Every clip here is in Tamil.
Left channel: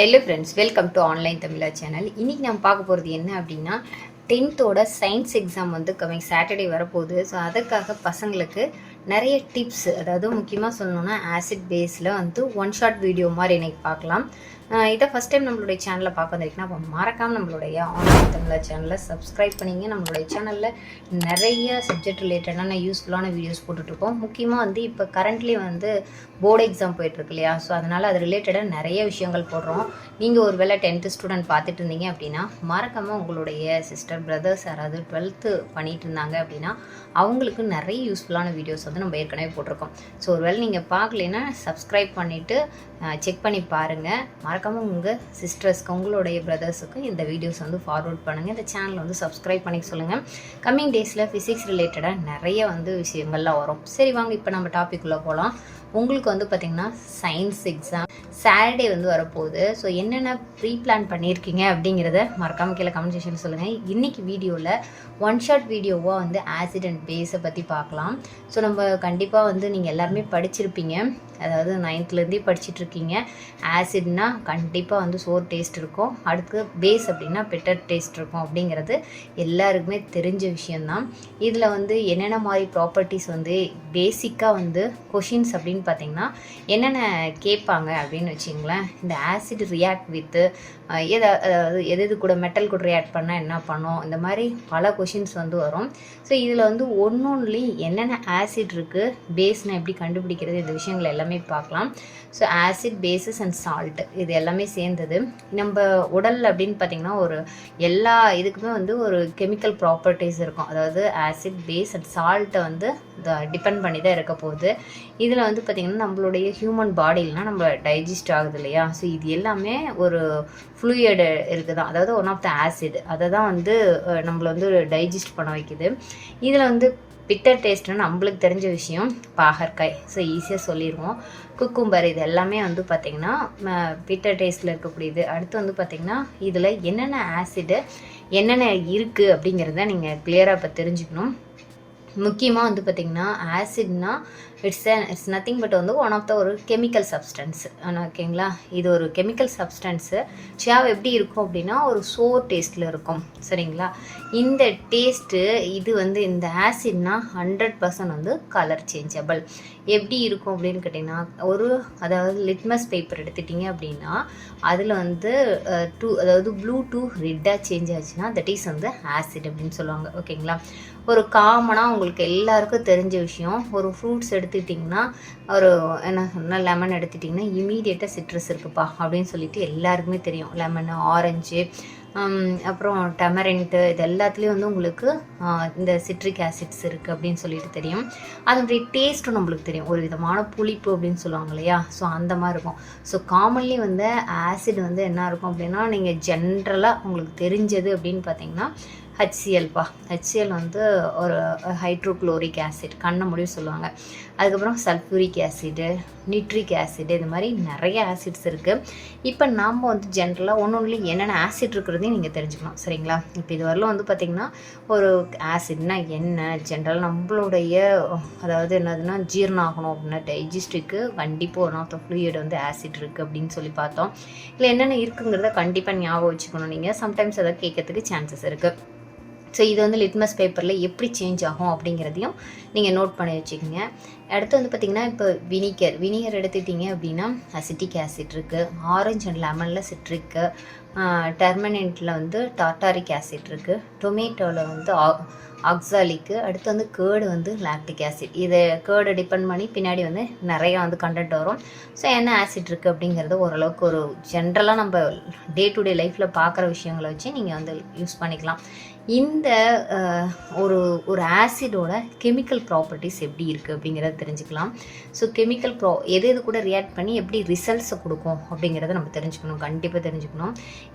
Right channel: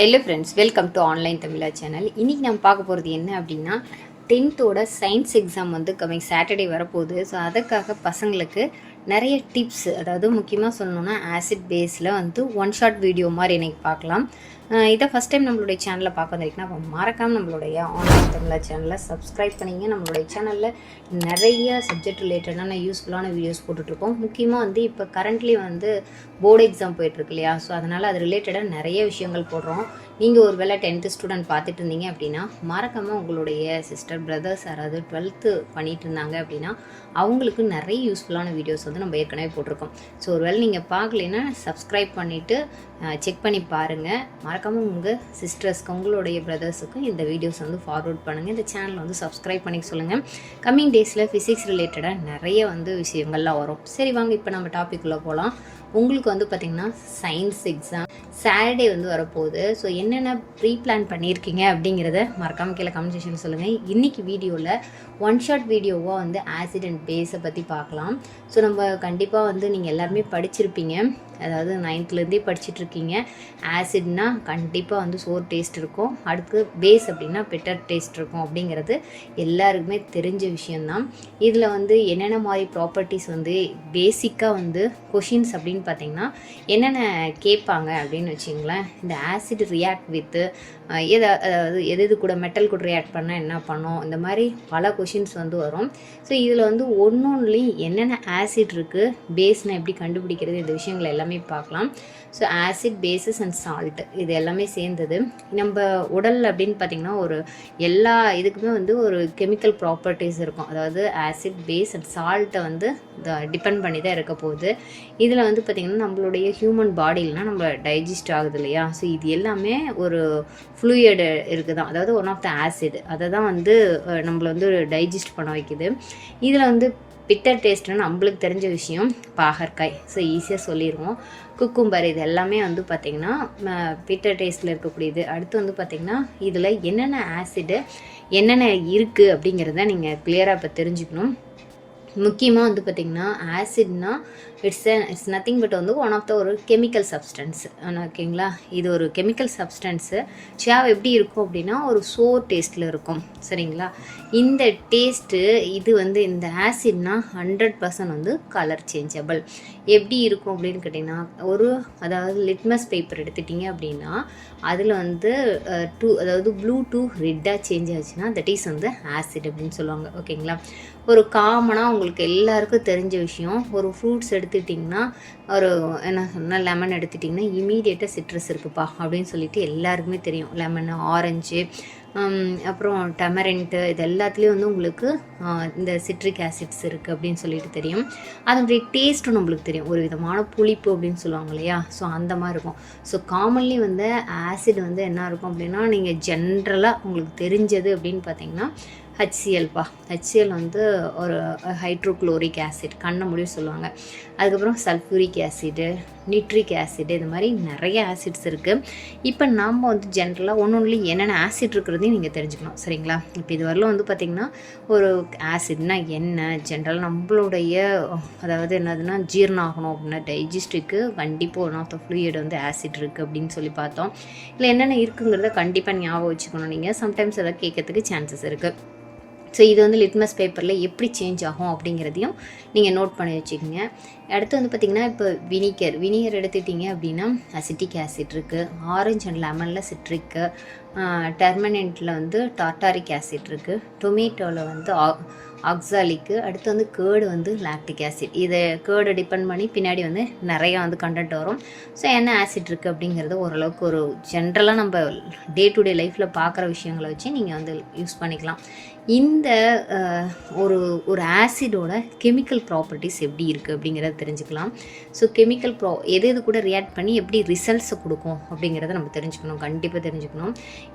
Hello friends, welcome to online Tamizha channel. இன்றைக்கி நம்ம பார்க்க போகிறது என்ன அப்படின்னா, 10th சயின்ஸ் எக்ஸாம் வந்து கம்மிங் சாட்டர்டே வரப்போகுது. ஸோ அதுக்காக பசங்களுக்கு நிறைய டிப்ஸ், அதாவது முக்கியமாக சொல்லணுன்னா ஆசிட் பேஸில் வந்து ஒன் ஷாட் வீடியோ மாதிரி இன்றைக்கி பார்க்கலாம். இதை ஃபஸ்ட் டைம் நம்மளுடைய சேனலில் பார்க்க வந்திருக்குன்னா அப்போ மறக்காமல் நம்மளுடைய ஆன்லைன் தமிழா சேனலை சப்ஸ்கிரைப் பண்ணிங்க. நம்மளுடைய சேனலில் நிறைய சப்ஜெக்ட் ரிலேட்டடான யூஸ்ஃபுல்லான வீடியோஸ் போட்டுட்ருக்கோம். முக்கியமாக வந்து இப்போ கரண்ட்லி வந்து போர்டு எக்ஸாம் போயிட்டுருக்கு இல்லையா? ஸோ அதனால் அது ரிலேட்டடாக நிறைய விஷயங்கள் போடுறோம். நீங்கள் ஒரு வேளை 10th ஸ்டூடெண்ட் பார்த்துட்டு இருந்தீங்க அப்படின்னா மறக்காமல் உங்களுடைய சிஸ்டர் பிரதர்ஸ் யாராவது 12th பண்ணிகிட்டு இருந்தாங்க அப்படின்னா அவங்களுக்கு நிறைய யூஸ்ஃபுல்லான வீடியோஸ் வந்து நம்ம ஏற்கனவே போட்டிருக்கோம். ஸோ ஒரு வேளை நீங்கள் பார்க்கலைன்னா சப்ஸ்கிரைப் பண்ணிவிட்டு செக் பண்ணி பாருங்கள். மறக்காமல் உங்கள் சிஸ்டர்ஸ்க்கு உங்களுடைய பிரதர்ஸுக்கு இந்த வீடியோஸ் வந்து ஃபார்வர்ட் பண்ணுங்கள். இந்த சேனலை வந்து சப்ஸ்கிரைப் பண்ணிக்க சொல்லுங்கள். கம்மிங் டேஸில் ஃபிசிக்ஸ் ரிலேட்டடாக நிறைய வந்து விஷயங்கள்லாம் வரும். சரி வாங்க இப்போ நம்ம டாபிக்குள்ளே போகலாம். உங்களுக்கு வந்து பார்த்திங்கன்னா சயின்ஸ் எக்ஸாம் சாட்டர்டே வந்து வரப்போகுது. ஸோ என்னென்ன ப்ரீ பிளான் பண்ணியிருக்கீங்க அப்படிங்கிறத மறக்காமல் கீழே கமெண்ட் செக்ஷன் சொல்லுங்கள். இன்றைக்கி வீடியோவில் ஒன் ஷாட் வீடியோவாக வந்து ஆசிட் அண்ட் பேஸை பற்றி பார்க்கலாம். ஸோ நம்ம கண்டிப்பாக வந்து நீங்கள் எல்லாருமே படிச்சிருப்பீங்க, அதாவது 9th படிச்சுட்ருக்கீங்க. ஆசிட்னால் கண்டிப்பாக வந்து சோர் டேஸ்ட் இருக்கும், அடுத்து பேஸ் அப்படின்னா பெட்டர் டேஸ்ட் இருக்கும் அப்படிங்கிறது எல்லாருக்குமே தெரிஞ்ச விஷயந்தான். இதில் வந்து என்னென்ன மாதிரி ப்ராப்பர்ட்டிஸ் வந்து பேசிக்காக வந்து கொஷின்ஸ் அப்படின்னு பார்த்திங்கன்னா என்னென்ன கேட்பாங்க அப்படின்னு வச்சிங்களேன். இந்த ஆசிட் ரியாக்ட் வித்து அதாவது எது கூட மெட்டல் கூட ரியாக்ட் பண்ணால் என்ன பண்ணோம், இந்த மாதிரி பல கொஷின்ஸ் வந்து வரும். ஸோ இதில் வந்து ஒன்றுலேயும் என்னென்ன ஆசிட் இருக்குது, பேஸ்னால் எப்படி கண்டுபிடிக்கிறது, இந்த விஷயங்கள் எல்லாமே பார்க்கலாம். So acid, bases and salt இது எல்லாமே சேர்ந்தது. நம்ம உடல் அப்படின்னு பார்த்திங்கன்னா ஒரு எல்லா இதுக்குமே வந்து ஒரு கெமிக்கல் ப்ராப்பர்ட்டிஸ் இருக்கும். அதாவது ஆசிட், பேஸ் அண்ட் சால்ட்டை வந்து டிபெண்ட் பண்ணி தான் இருக்க போகுது. இதில் வந்து பார்த்திங்கன்னா நம்மளுடைய ஹியூமன் பாடியில்னால் நம்ம டைஜஸ்ட் ஆகுது இல்லையா? ஸோ இது எல்லாமே ஒரு ஃப்ளூயிட் இருக்குது தான், அதாவது ஒன் ஆஃப் த ஆசிட் அதை தான் வந்து நம்மளை வந்து டைஜஸ்ட் பண்ண வைக்குது. இதில் வந்து பிட்டர் டேஸ்ட்னு நம்மளுக்கு தெரிஞ்ச விஷயம் பாகற்காய். ஸோ ஈஸியாக சொல்லிடுவோம். குக்கும்பர் இது எல்லாமே வந்து பார்த்திங்கன்னா பிட்டர் டேஸ்ட்டில் இருக்கக்கூடியது. அடுத்து வந்து பார்த்திங்கன்னா இதில் என்னென்ன ஆசிடு என்னென்ன இருக்குது அப்படிங்கிறத நீங்கள் கிளியராக இப்போ தெரிஞ்சுக்கணும். முக்கியமாக வந்து பார்த்திங்கன்னா ஆசிட்னா இட்ஸ் நத்திங் பட் வந்து ஒன் ஆஃப் த ஒரு கெமிக்கல் சப்ஸ்டன்ஸ். ஓகேங்களா? இது ஒரு கெமிக்கல் சப்ஸ்டன்ஸு. சேவ் எப்படி இருக்கும் அப்படின்னா ஒரு சோர் டேஸ்ட்டில் இருக்கும். சரிங்களா? இந்த டேஸ்ட்டு இது வந்து இந்த ஆசிட்னா 100% வந்து கலர் சேஞ்சபிள். எப்படி இருக்கும் அப்படின்னு கேட்டிங்கன்னா அதாவது லிட்மஸ் பேப்பர் எடுத்துட்டிங்க அப்படின்னா அதில் வந்து அதாவது ப்ளூ டு ரெட்டாக சேஞ்ச் ஆச்சுன்னா தட் இஸ் வந்து ஆசிட் அப்படின்னு சொல்லுவாங்க. ஓகேங்களா? ஒரு காமனாக உங்களுக்கு எல்லாருக்கும் தெரிஞ்ச விஷயம், ஒரு ஃப்ரூட்ஸ் எடுத்துக்கிட்டிங்கன்னா என்ன லெமன் எடுத்துட்டிங்கன்னா இமீடியட்டாக சிட்ரஸ் இருக்குப்பா அப்படின்னு சொல்லிட்டு எல்லாருக்குமே தெரியும். லெமன், ஆரஞ்சு, அப்புறம் டெமரெண்ட்டு இது எல்லாத்துலேயும் வந்து உங்களுக்கு இந்த சிட்ரிக் ஆசிட்ஸ் இருக்குது அப்படின்னு சொல்லிட்டு தெரியும். அதனுடைய டேஸ்ட்டும் நம்மளுக்கு தெரியும், ஒரு விதமான புளிப்பு அப்படின்னு சொல்லுவாங்க இல்லையா? ஸோ அந்த மாதிரி இருக்கும். ஸோ காமன்லி வந்து ஆசிட் வந்து என்ன இருக்கும் அப்படின்னா நீங்கள் ஜென்ரலாக உங்களுக்கு தெரிஞ்சது அப்படின்னு பார்த்தீங்கன்னா ஹச்சிஎல்ப்பா. ஹச்சிஎல் வந்து ஒரு ஹைட்ரோக்ளோரிக் ஆசிட், கண்ணை முடிவு சொல்லுவாங்க. அதுக்கப்புறம் சல்ஃபூரிக் ஆசிடு, நிட்ரிக் ஆசிடு, இது மாதிரி நிறைய ஆசிட்ஸ் இருக்குது. இப்போ நம்ம வந்து ஜென்ரலாக ஒன்றுலேயும் என்னென்ன ஆசிட் இருக்கிறதையும் நீங்கள் தெரிஞ்சுக்கணும். சரிங்களா? இப்போ இது வரலாம் வந்து பார்த்திங்கன்னா ஒரு ஆசிட்னா என்ன, ஜென்ரல் நம்மளுடைய அதாவது என்னதுன்னா ஜீரணம் ஆகணும் அப்படின்னா டைஜஸ்ட்டுக்கு கண்டிப்பாக ஒன் ஆஃப் த ஃப்ளூயிட் வந்து ஆசிட் இருக்குது அப்படின்னு சொல்லி பார்த்தோம். இல்லை என்னென்ன இருக்குங்கிறத கண்டிப்பாக ஞாபகம் வச்சுக்கணும். நீங்கள் சம்டைம்ஸ் அதை கேட்கறதுக்கு சான்சஸ் இருக்குது. ஸோ இது வந்து லிட்மஸ் பேப்பரில் எப்படி சேஞ்ச் ஆகும் அப்படிங்கிறதையும் நீங்கள் நோட் பண்ணி வச்சுக்கோங்க. அடுத்து வந்து பார்த்திங்கன்னா இப்போ வினிகர் எடுத்துக்கிட்டிங்க அப்படின்னா அசிட்டிக் ஆசிட் இருக்குது. ஆரஞ்ச் அண்ட் லெமனில் சிட்ரிக்கு, டெர்மனெண்ட்டில் வந்து டார்டாரிக் ஆசிட் இருக்குது. டொமேட்டோவில் வந்து ஆக்சாலிக்கு, அடுத்து வந்து கேர்டு வந்து லாக்டிக் ஆசிட். இதை கேர்டை டிபெண்ட் பண்ணி பின்னாடி வந்து நிறையா வந்து கண்டென்ட் வரும். ஸோ என்ன ஆசிட் இருக்குது அப்படிங்கிறது ஓரளவுக்கு ஒரு ஜென்ரலாக நம்ம டே டு டே லைஃப்பில் பார்க்குற விஷயங்களை வச்சு நீங்கள் வந்து யூஸ் பண்ணிக்கலாம். இந்த ஒரு ஆசிடோட கெமிக்கல் ப்ராப்பர்ட்டிஸ் எப்படி இருக்குது அப்படிங்கிறத தெரிஞ்சுக்கலாம். ஸோ கெமிக்கல் எது கூட ரியாக்ட் பண்ணி எப்படி ரிசல்ட்ஸை கொடுக்கும் அப்படிங்கிறத நம்ம தெரிஞ்சுக்கணும், கண்டிப்பாக தெரிஞ்சுக்கணும்.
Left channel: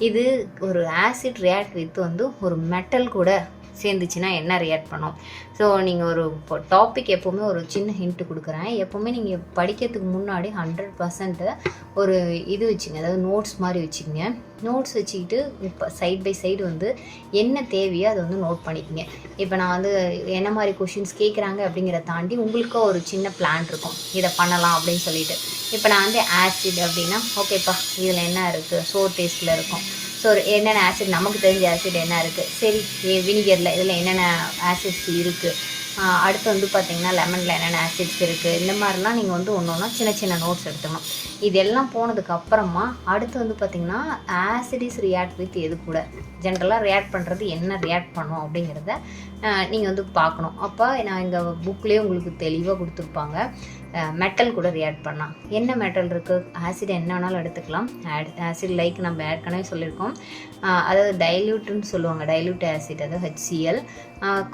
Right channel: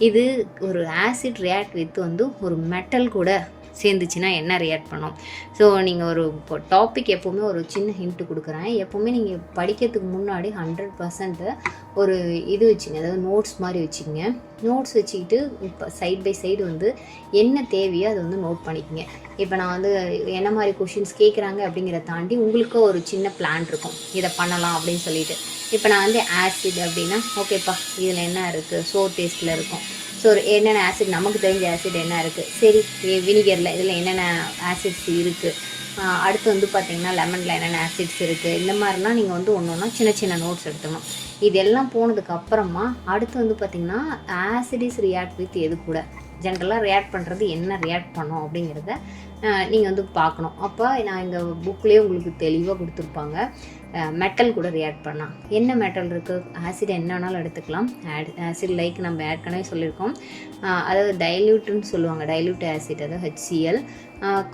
இது ஒரு ஆசிட் ரியாக்ட் வித் வந்து ஒரு மெட்டல் கூட சேர்ந்துச்சுன்னா என்ன ரியாக்ட் பண்ணும். ஸோ நீங்கள் ஒரு இப்போ டாபிக் எப்போவுமே ஒரு சின்ன ஹிண்ட்டு கொடுக்குறேன். எப்போவுமே நீங்கள் படிக்கிறதுக்கு முன்னாடி 100% ஒரு இது வச்சுங்க, அதாவது நோட்ஸ் மாதிரி வச்சுக்கோங்க. நோட்ஸ் வச்சுக்கிட்டு இப்போ சைட் பை சைடு வந்து என்ன தேவையோ அதை வந்து நோட் பண்ணிக்கோங்க. இப்போ நான் வந்து என்ன மாதிரி கொஷின்ஸ் கேட்குறாங்க அப்படிங்கிறத தாண்டி உங்களுக்கு ஒரு சின்ன பிளான் இருக்கும், இதை பண்ணலாம் அப்படின்னு சொல்லிட்டு. இப்போ நான் வந்து ஆசிட் அப்படின்னா ஓகேப்பா இதில் என்ன இருக்குது, சோர் டேஸ்ட்டில் இருக்கும். ஸோ என்னென்ன ஆசிட், நமக்கு தெரிஞ்ச ஆசிட் என்ன இருக்குது, சரி வினிகரில் இதில் என்னென்ன ஆசிட்ஸ் இருக்குது, அடுத்து வந்து பார்த்திங்கன்னா லெமனில் என்னென்ன ஆசிட்ஸ் இருக்குது, இந்த மாதிரிலாம் நீங்கள் வந்து ஒன்று ஒன்றா சின்ன சின்ன நோட்ஸ் எடுத்துக்கணும். இதெல்லாம் போனதுக்கப்புறமா அடுத்து வந்து பார்த்திங்கன்னா ஆசிட் இஸ் ரியாக்ட் வித் எது கூட, ஜென்ரலாக ரியாக்ட் பண்ணுறது என்ன ரியாக்ட் பண்ணோம் அப்படிங்கிறத நீங்கள் வந்து பார்க்கணும். அப்போ நான் இந்த புக்லேயே உங்களுக்கு தெளிவாக கொடுத்துருப்பாங்க. மெட்டல் கூட ரியாக்ட் பண்ணலாம். என்ன மெட்டல் இருக்குது, ஆசிட் என்ன வேணாலும் எடுத்துக்கலாம். ஆசிட் லைக் நம்ம ஏற்கனவே சொல்லியிருக்கோம், அதாவது டைல்யூட்னு சொல்லுவாங்க, டைல்யூட் ஆசிட், அதாவது HCl,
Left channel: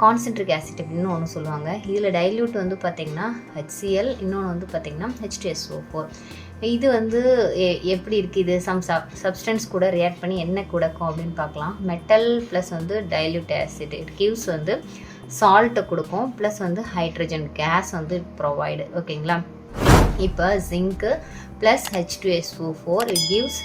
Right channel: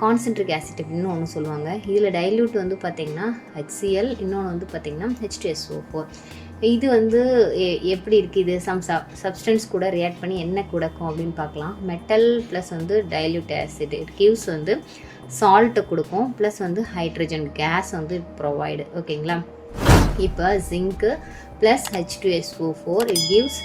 கான்சென்ட்ரிக் ஆசிட் அப்படின்னு ஒன்று சொல்லுவாங்க. இதில் டைல்யூட் வந்து பார்த்திங்கன்னா HCl, இன்னொன்று வந்து பார்த்திங்கன்னா H2SO4. இது வந்து எப்படி இருக்குது, இது சப்ஸ்டன்ஸ் கூட ரியாக்ட் பண்ணி என்ன கொடுக்கும் அப்படின்னு பார்க்கலாம். மெட்டல் ப்ளஸ் வந்து டைல்யூட் ஆசிட் இட் கிவ்ஸ் வந்து சால்ட்டு கொடுக்கும், ப்ளஸ் வந்து ஹைட்ரஜன் கேஸ் வந்து ப்ரொவைடு. ஓகேங்களா. இப்போ zinc plus H2SO4 it gives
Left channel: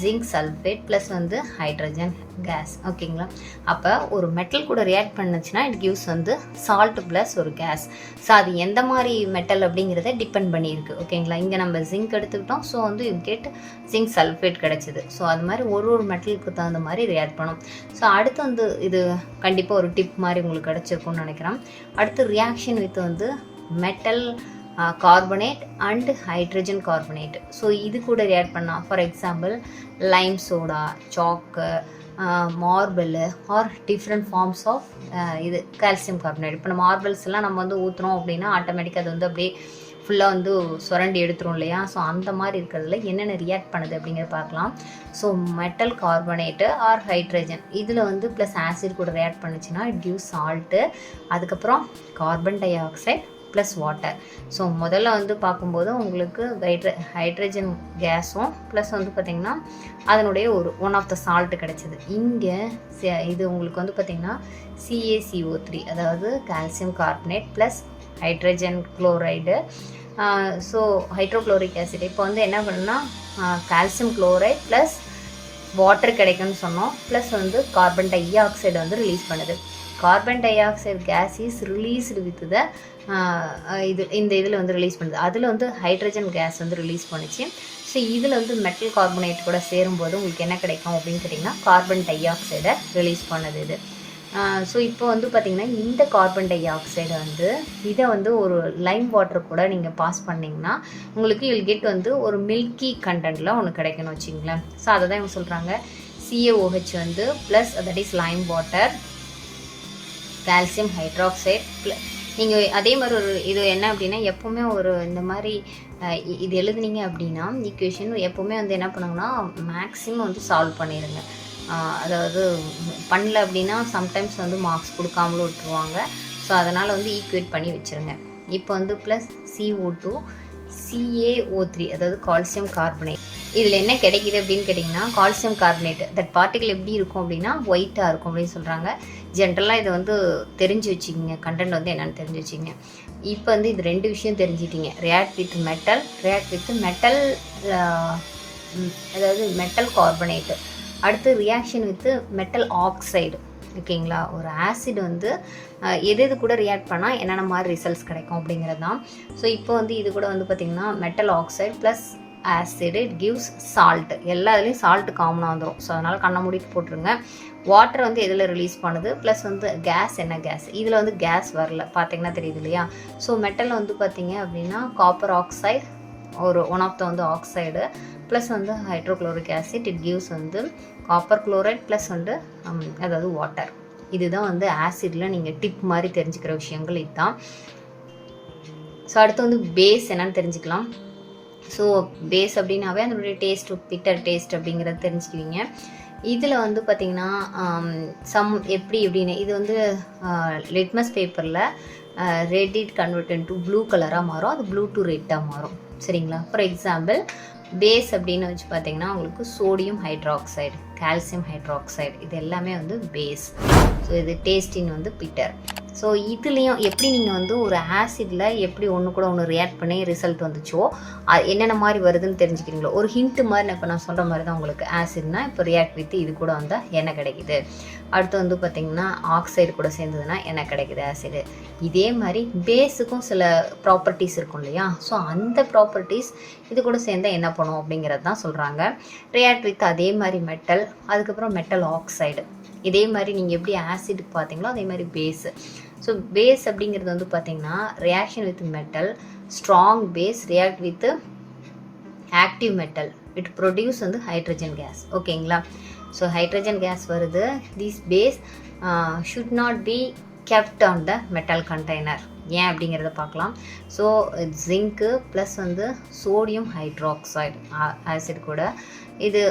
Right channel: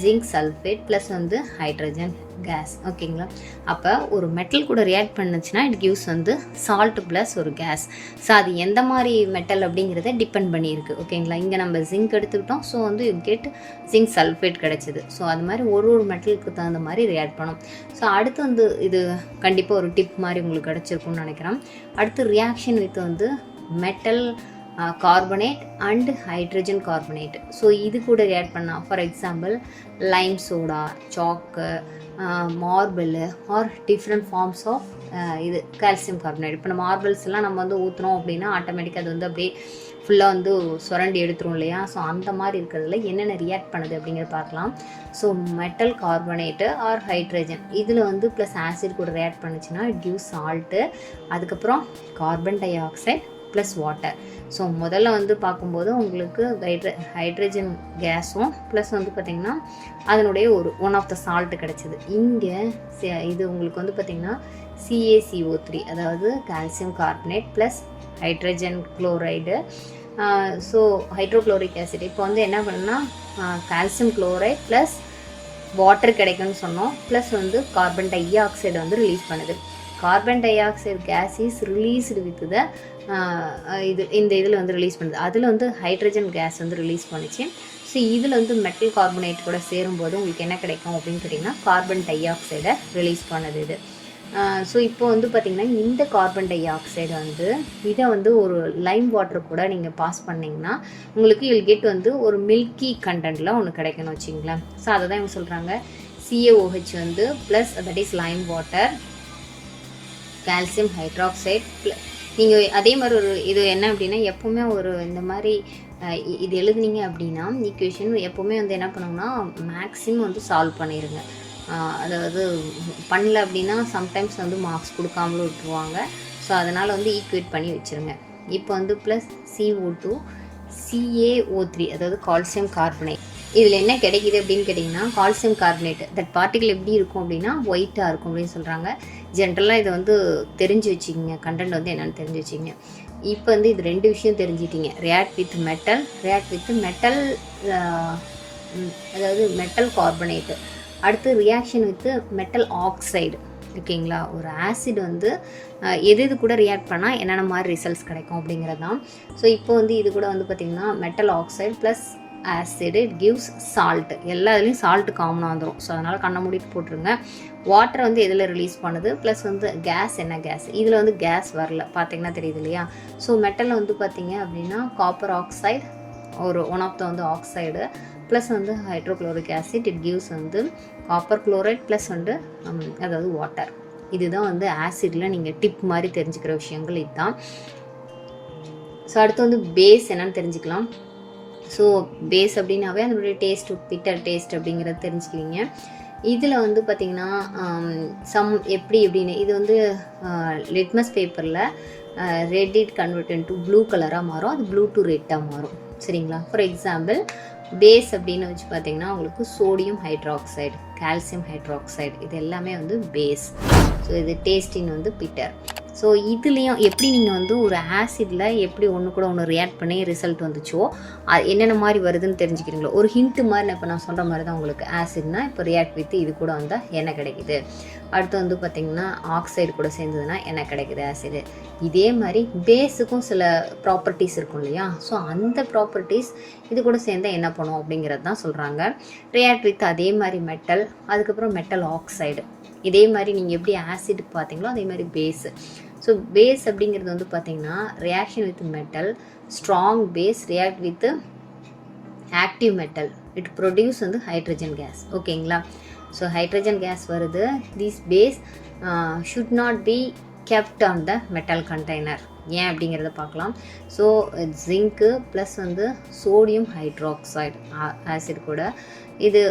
zinc sulphate plus வந்து ஹைட்ரஜன் கேஸ். ஓகேங்களா. அப்போ ஒரு மெட்டல் கூட ரியாக்ட் பண்ணுச்சுன்னா இட் கிவ்ஸ் வந்து சால்ட் ப்ளஸ் ஒரு கேஸ். ஸோ அது எந்த மாதிரி மெட்டல் அப்படிங்கிறத டிபெண்ட் பண்ணியிருக்கு. ஓகேங்களா. இங்கே நம்ம ஜிங்க் எடுத்துக்கிட்டோம், ஸோ வந்து யூ கெட் ஜிங்க் சல்ஃபேட் கிடச்சிது. ஸோ அது மாதிரி ஒரு மெட்டலுக்கு தகுந்த மாதிரி ரியாக்ட் பண்ணும். ஸோ அடுத்து வந்து இது கண்டிப்பாக ஒரு டிப் மாதிரி உங்களுக்கு கிடச்சிருக்குன்னு நினைக்கிறேன். அடுத்து ரியாக்ஷன் வித் வந்து metal carbonate and hydrogen carbonate. So இது கூட ரியாக்ட் பண்ணால், for example lime soda, chalk, marble or different forms of இது கால்சியம் கார்பனேட். இப்போ நம்ம மார்பிள்ஸ் எல்லாம் நம்ம வந்து ஊற்றுறோம் அப்படின்னா ஆட்டோமேட்டிக்காக அது வந்து அப்படியே ஃபுல்லாக வந்து சுரண்டி எடுத்துரும் இல்லையா. ஸோ அந்த மாதிரி இருக்கிறதுல என்னென்ன ரியாக்ட் பண்ணுது அப்படிங்கிறத பார்க்கலாம். So metal carbonate or hydrogen இதில் வந்து ப்ளஸ் ஆசிட் கூட ரியாக்ட் பண்ணுச்சுன்னா இட் கிவ்ஸ் சால்ட்டு, அதுக்கப்புறம் carbon dioxide plus water. So முதல்ல வந்து பார்க்கும்போது உங்களுக்கு ஹைட்ரஜன் கேஸும் ப்ளஸ் வந்து பார்த்திங்கன்னா அதனுடைய ஒரு ஒன் ஆஃப் த சால்ட்டு கிடச்சிது. இங்கே இது உங்களுக்கு வந்து பார்த்திங்கன்னா CaCO3, அதாவது calcium carbonate plus hydrogen chloride. So hydrochloric acid இப்போ வந்து என்ன பண்ணுன்னா கால்சியம் குளோரைட் ப்ளஸ் வாட்டர் கிடைக்கும்னு சொன்னோம், ப்ளஸ் வந்து கார்பன் டை ஆக்சைடு வந்து ரிலீஸ் பண்ணுது. Carbon dioxide gas is released with the இந்த இதில் வந்து ரிலீஸ் பண்ணுது. அதில் வந்து ஹைட்ரஜன் கேஸ் வந்து ரிலீஸ் பண்ணிச்சு. ஸோ இதில் வந்து மெட்டல் கார்பனேட் கூட சேரும்போது உங்களுக்கு என்ன கிடைக்கும் அப்படின்னு கேட்டிங்கன்னா கார்பன் டை ஆக்சைடை ரிலீஸ் பண்ணுது இது. ஸோ இப்போ வந்து பார்த்திங்கன்னா இந்த கார்பன் டை ஆக்சைடு வந்து இதை வந்து ஒரு லைம் வாட்டர் கூட நீங்கள் பாஸ் பண்ணிங்கன்னா உங்களுக்கு யூல் கெட் வந்து ஒரு மில்கி கண்டென்ட்டில் ஒன்று கிடைக்கணும் வச்சிங்களேன். ஸோ அதை தான் இவங்க சொல்கிறாங்க. CaOH வந்து plus that is Lime water, calcium hydroxide. நீங்கள் அதே மாதிரி ஒரு இது என்ன அப்படின்னா எப்போவுமே ஒரு இந்த மாதிரி இது எழுதுனீங்க அப்படின்னா ஈக்குவேஷன் எப்போவுமே வந்து என்ன பண்ணுங்கன்னா மேக்ஸிமம் வந்து சால்வ் பண்ணிடுங்க. அதாவது பண்ணல அப்படின்னா சம்டைம்ஸ் வந்து மார்க்ஸ் கொடுக்காமலும் விட்டுருவாங்க. ஸோ அதனால் வந்து ஈக்குவேட் பண்ணி வச்சுருங்க. இப்போ வந்து ப்ளஸ் CO2 CaO3, அதாவது கால்சியம் கார்பனேட். இதில் என்ன கிடைக்கிது அப்படின்னு கேட்டிங்கன்னா கால்சியம் கார்பனேட் தட் பார்ட்டிகல் எப்படி இருக்கும் அப்படின்னா ஒயிட்டாக இருக்கும் அப்படின்னு சொல்கிறாங்க. ஜென்ரலாக இதை வந்து தெரிஞ்சு வச்சுக்கிங்க, கண்டென்ட் வந்து என்னென்னு தெரிஞ்சு வச்சுக்கிங்க. இப்போ வந்து இது ரெண்டு விஷயம் தெரிஞ்சிட்டிங்க, react with metal, react with metal, அதாவது மெட்டல் கார்பனேட்டு. அடுத்து ரியாக்ஷன் வித் மெட்டல் ஆக்சைடு. ஓகேங்களா. ஒரு ஆசிட் வந்து எது கூட ரியாக்ட் பண்ணால் என்னென்ன மாதிரி ரிசல்ட்ஸ் கிடைக்கும் அப்படிங்கிறது தான். ஸோ இப்போ வந்து இது கூட வந்து பார்த்திங்கன்னா metal oxide plus acid it gives salt. எல்லா இதுலேயும் சால்ட்டு காமனாக வந்துடும். ஸோ அதனால் கண்ணை மூடிட்டு போட்டுருங்க. வாட்டர் வந்து எதில் ரிலீஸ் பண்ணுது, ப்ளஸ் வந்து கேஸ் என்ன கேஸ், இதில் வந்து கேஸ் வரல பார்த்தீங்கன்னா தெரியுது இல்லையா. ஸோ மெட்டலில் வந்து பார்த்திங்க அப்படின்னா காப்பர் ஆக்சைடு ஒரு ஒன் ஆஃப் த வந்து ஆக்சைடு ப்ளஸ் வந்து ஹைட்ரோக்ளோரிக் ஆசிட் இட் கிவ்ஸ் வந்து காப்பர் குளோரைட் ப்ளஸ் வந்து அதாவது வாட்டர். இதுதான் வந்து ஆசிடில் நீங்கள் டிப் மாதிரி தெரிஞ்சுக்கிற விஷயங்கள் இதுதான். ஸோ அடுத்து வந்து பேஸ் என்னன்னு தெரிஞ்சுக்கலாம். ஸோ பேஸ் அப்படின்னாவே அதனுடைய டேஸ்ட், பிட்டர் டேஸ்ட் அப்படிங்கிறத தெரிஞ்சுக்குவீங்க. இதில் வந்து பார்த்திங்கன்னா எப்படி எப்படின்னு இது வந்து லிட்மஸ் பேப்பரில் read it convert to blue கலராக மாறும், அது ப்ளூ டு ரெட்டாக மாறும். சரிங்களா. ஃபார் எக்ஸாம்பிள் பேஸ் அப்படின்னு வச்சு பார்த்தீங்கன்னா உங்களுக்கு சோடியம் ஹைட்ராக்சைடு, கால்சியம் ஹைட்ராக்சைடு இது எல்லாமே வந்து பேஸ். ஸோ ஸோ இது டேஸ்டின் வந்து பிட்டர். ஸோ இதுலேயும் எப்படி நீங்கள் வந்து ஒரு ஆசிடில் எப்படி ஒன்று கூட ஒன்று ரியாக்ட் பண்ணி ரிசல்ட் வந்துச்சோ என்னென்ன மாதிரி வருதுன்னு தெரிஞ்சுக்கிறீங்களோ, ஒரு ஹிண்ட்டு மாதிரி நான் இப்போ நான் சொல்கிற மாதிரி தான் உங்களுக்கு. ஆசிட்னா இப்போ ரியாக்ட் வித் இது கூட வந்தால் என்ன கிடைக்குது, அடுத்து வந்து பார்த்திங்கன்னா ஆக்சைடு கூட சேர்ந்ததுன்னா என்ன கிடைக்குது ஆசிடு. இதே மாதிரி பேஸுக்கும் சில ப்ராப்பர்ட்டிஸ் இருக்கும் இல்லையா, ஸோ அந்த ப்ராப்பர்ட்டிஸ் இது கூட சேர்ந்தால் என்ன பண்ணும் அப்படிங்கிறது தான் சொல்கிறாங்க. ரியாக்ட் வித் அதே மாதிரி மெட்டல், அதுக்கப்புறம் மெட்டல் ஆக்சைடு. இதே மாதிரி நீங்கள் எப்படி ஆசிடுக்கு பார்த்தீங்களோ அதே மாதிரி பேஸு. ஸோ பேஸ் அப்படிங்கிறது வந்து பார்த்திங்கன்னா reaction with metal, strong base react with active metal, it produce வந்து ஹைட்ரஜன் கேஸ். ஓகேங்களா, ஸோ ஹைட்ரஜன் கேஸ் வருது. This base should not be kept on the metal container. ஏன் அப்படிங்கிறத பார்க்கலாம். ஸோ ஜிங்க்கு ப்ளஸ் வந்து சோடியம் ஹைட்ராக்சைடு ஆசிட் கூட இது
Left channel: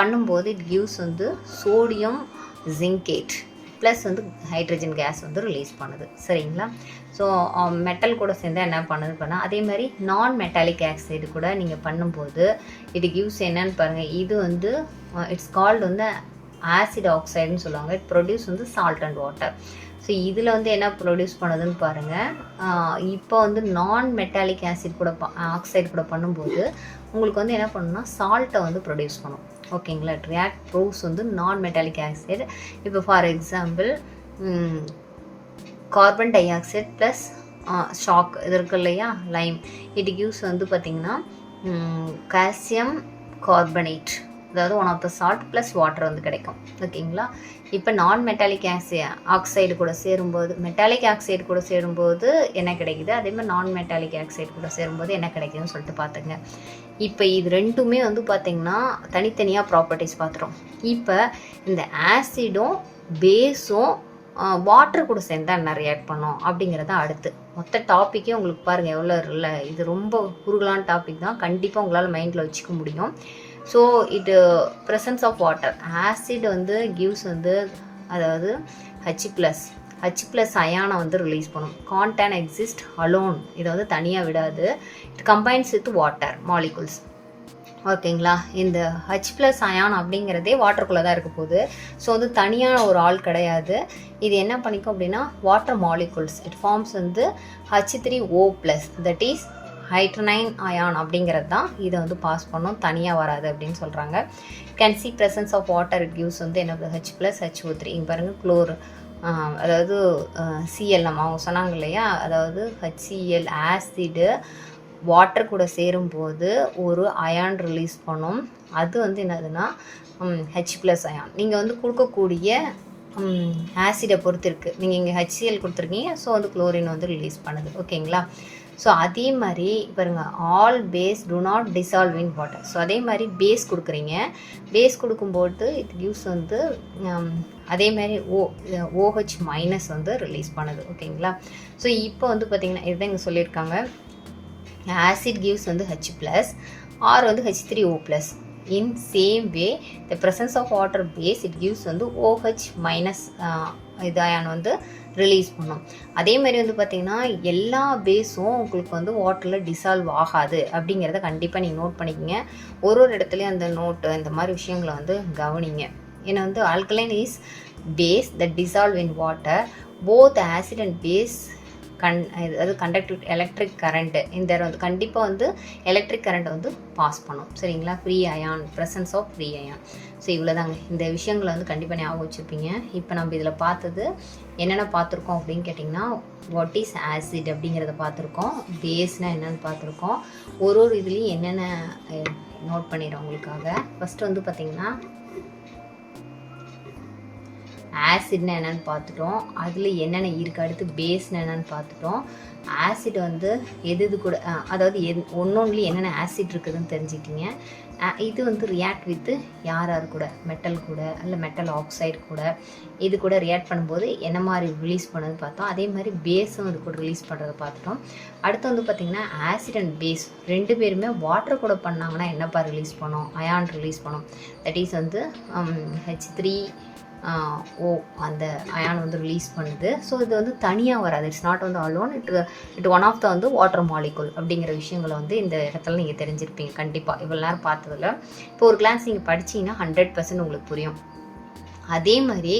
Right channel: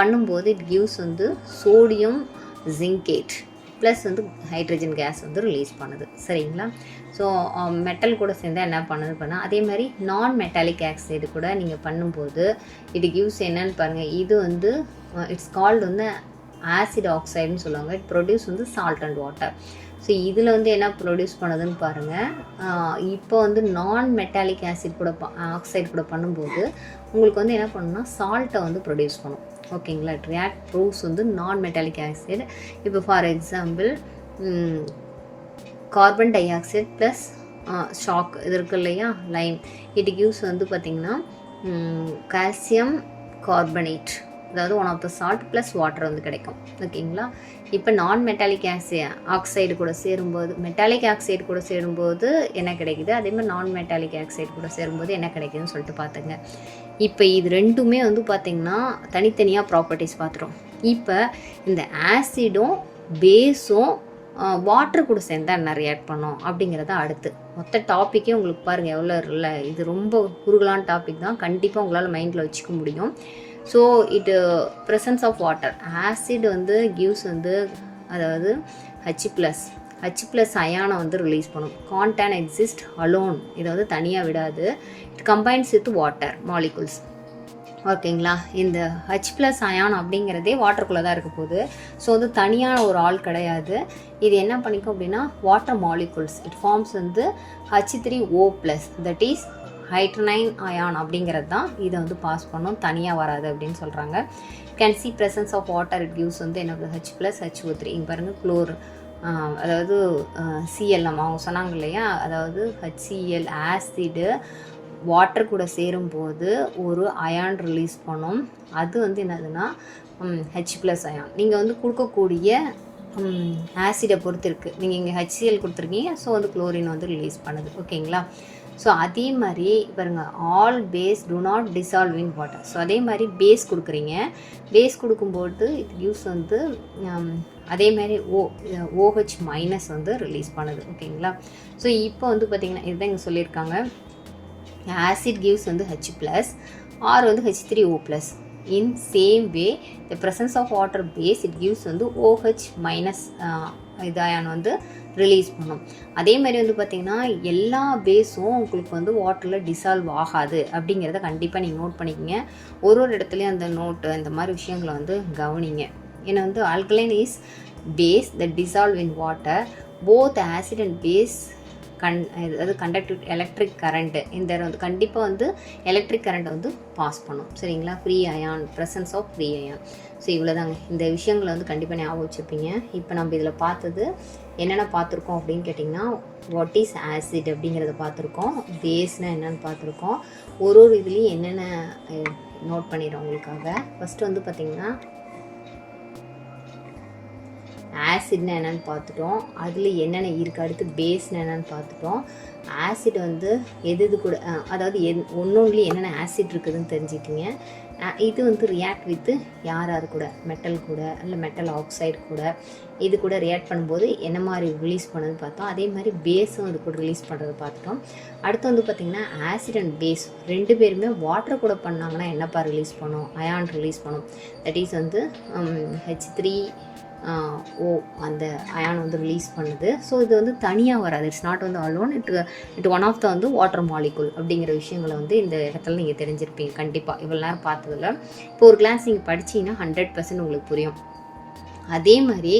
பண்ணும்போது இட் கிவ்ஸ் வந்து சோடியம் ஜிங்கேட் ப்ளஸ் வந்து ஹைட்ரஜன் கேஸ் வந்து ரிலீஸ் பண்ணுது. சரிங்களா, ஸோ மெட்டல் கூட சேர்ந்தால் என்ன பண்ணுது பண்ணால் அதே மாதிரி நான் மெட்டாலிக் ஆக்சைடு கூட நீங்கள் பண்ணும்போது இது கிவ்ஸ் என்னன்னு பாருங்கள். இது வந்து இட்ஸ் கால்டு வந்து ஆசிட் ஆக்சைடுன்னு சொல்லுவாங்க. இட் ப்ரொடியூஸ் வந்து சால்ட் அண்ட் வாட்டர். ஸோ இதில் வந்து என்ன ப்ரொடியூஸ் பண்ணுதுன்னு பாருங்கள். இப்போ வந்து நான் மெட்டாலிக் ஆசிட் கூட ஆக்சைடு கூட பண்ணும்போது உங்களுக்கு வந்து என்ன பண்ணுன்னா சால்ட்டை வந்து ப்ரொடியூஸ் பண்ணும். ஓகேங்களா, ரியாக்ட் ப்ரூவ்ஸ் வந்து நான் மெட்டாலிக் ஆக்சைடு. இப்போ for example carbon dioxide plus ஷாக் இது இருக்கு இல்லையா, லைம், இட் கிவ்ஸ் வந்து பார்த்திங்கன்னா கால்சியம் கார்பனேட், அதாவது one of the salt plus water வந்து கிடைக்கும். ஓகேங்களா, இப்போ நான் மெட்டாலிக் ஆக்சைடு கூட சேரும்போது மெட்டாலிக் ஆக்சைடு கூட சேரும்போது என்ன கிடைக்குது, அதே மாதிரி நான் மெட்டாலிக் ஆக்சைடு கூட சேரும்போது என்ன கிடைக்குதுன்னு சொல்லிட்டு பார்த்துங்க. இப்போ இது ரெண்டுமே வந்து பார்த்திங்கன்னா தனித்தனியாக ப்ராப்பர்ட்டிஸ் பார்த்துட்டோம். இப்போ இந்த ஆசிடும் பேஸும் வாட்டர் கூட சேர்ந்தால் என்ன ரியாக்ட் பண்ணோம் அப்படிங்கிறத அடுத்து மொத்த டாப்பிக்கே உங்களுக்கு பாருங்கள் எவ்வளோ இல்லை. இது ரொம்ப குறுகலான டாபிக் தான், கண்டிப்பாக உங்களால் மைண்டில் வச்சுக்க முடியும். ஸோ இது ப்ரெசன்ஸ் ஆஃப் வாட்டர் ஆசிட் வந்து கிவ்ஸ் வந்து அதாவது H+ அயானை வந்து ரிலீஸ் பண்ணும். கான்டான் எக்ஸிஸ்ட் அலோன், இதை வந்து தனியாக விடாது. It combines with water molecules. ஓகேங்களா, இந்த H+ அயான் அப்படிங்கிறதே வாட்டருக்குள்ளே தான் இருக்க போகுது. ஸோ வந்து தனியான ஒரு ஆள் கிடையாது. இது என்ன பண்ணிக்கும் அப்படின்னா வாட்டர் மாலிகுல்ஸ் இட் ஃபார்ம்ஸ் வந்து H3O+, தட் இஸ் ஹைட்ரனைன் அயான் அப்படிங்கிறது தான் இதை வந்து பாஸ் பண்ணும், தனியாக வராது அப்படின்னு சொல்கிறாங்க. Can see presence of water it gives வந்து என்ன H+ HO3. இங்கே பாருங்கள் குளோர், அதாவது Cl நம்ம அவங்க சொன்னாங்க இல்லையா, அதாவது HCl ஆசிடு வாட்டர் கூட சேரும்போது ஒரு அயான் ரிலீஸ் பண்ணும். அது வந்து என்னதுன்னா H+ அயான். நீங்கள் வந்து கொடுக்கக்கூடிய ஆசிடை பொறுத்து இருக்குது. நீங்கள் இங்கே HCl கொடுத்துருக்கீங்க, ஸோ வந்து குளோரின் வந்து ரிலீஸ் பண்ணுது. ஓகேங்களா, ஸோ அதே மாதிரி பாருங்கள் all base do not dissolve in water. So அதே மாதிரி பேஸ் கொடுக்குறீங்க, பேஸ் கொடுக்கும்போது இட் கிவ்ஸ் வந்து அதே மாதிரி OH- வந்து ரிலீஸ் பண்ணுது. ஓகேங்களா, ஸோ இப்போ வந்து பார்த்திங்கன்னா இதுதான் இங்கே சொல்லியிருக்காங்க. ஆசிட் கிவ்ஸ் வந்து H+ ஆர் வந்து H3O+. in same way the presence of water base it gives வந்து OH- இது அயான் வந்து ரிலீஸ் பண்ணும். அதே மாதிரி வந்து பார்த்திங்கன்னா எல்லா பேஸும் உங்களுக்கு வந்து வாட்டரில் டிசால்வ் ஆகாது அப்படிங்கிறத கண்டிப்பாக நீங்கள் நோட் பண்ணிக்கோங்க. ஒரு இடத்துலையும் அந்த நோட்டு இந்த மாதிரி விஷயங்களை வந்து கவனிங்க. ஏன்னா வந்து alkaline is base that dissolve in water, both acid and base அதாவது கண்டக்டிவ் எலக்ட்ரிக் கரண்ட்டு இந்த வந்து கண்டிப்பாக வந்து எலக்ட்ரிக் கரண்ட்டை வந்து பாஸ் பண்ணும். சரிங்களா, free ion, presence of free ion. So இவ்வளோதாங்க, இந்த விஷயங்களை வந்து கண்டிப்பாக ஞாபகம் வச்சுருப்பீங்க. இப்போ நம்ம இதில் பார்த்தது என்னென்ன பார்த்துருக்கோம் அப்படின்னு கேட்டிங்கன்னா வாட் இஸ் ஆசிட் அப்படிங்கிறத பார்த்துருக்கோம், பேஸ்னால் என்னென்னு பார்த்துருக்கோம். ஒரு இதுலேயும் என்னென்ன நோட் பண்ணிடுறோம் உங்களுக்காக. ஃபஸ்ட்டு வந்து பார்த்திங்கன்னா ஆசிட்னா என்னென்னு பார்த்துட்டோம், அதில் என்னென்ன இருக்குது. அடுத்து பேஸ்னா என்னென்னு பார்த்துட்டோம். ஆசிட் வந்து எது கூட அதாவது ஒன்றொன்றுலேயும் என்னென்ன ஆசிட் இருக்குதுன்னு தெரிஞ்சுக்கிங்க. இது வந்து ரியாக்ட் வித்து யார் கூட, மெட்டல் கூட இல்லை மெட்டல் ஆக்சைடு கூட இது கூட ரியாக்ட் பண்ணும்போது என்ன மாதிரி ரிலீஸ் பண்ணது பார்த்தோம். அதே மாதிரி பேஸும் இது கூட ரிலீஸ் பண்ணுறதை பார்த்துட்டோம். அடுத்து வந்து பார்த்திங்கன்னா ஆசிட் அண்ட் பேஸ் ரெண்டு பேருமே வாட்டர் கூட பண்ணாங்கன்னா என்னப்பா ரிலீஸ் பண்ணோம், அயான் ரிலீஸ் பண்ணோம். தட் இஸ் வந்து H3O அந்த அயான் வந்து ரிலீஸ் பண்ணுது. ஸோ இது வந்து தனியாக வராது, இட்ஸ் நாட் வந்து alone, it one of the வந்து வாட்டர் மாலிகுல் அப்படிங்கிற விஷயங்களை வந்து இந்த இடத்துல நீங்கள் தெரிஞ்சிருப்பீங்க கண்டிப்பாக இவ்வளோ நேரம் பார்த்ததில். இப்போ ஒரு கிளாஸ் நீங்கள் படிச்சிங்கன்னா 100% உங்களுக்கு புரியும். அதே மாதிரி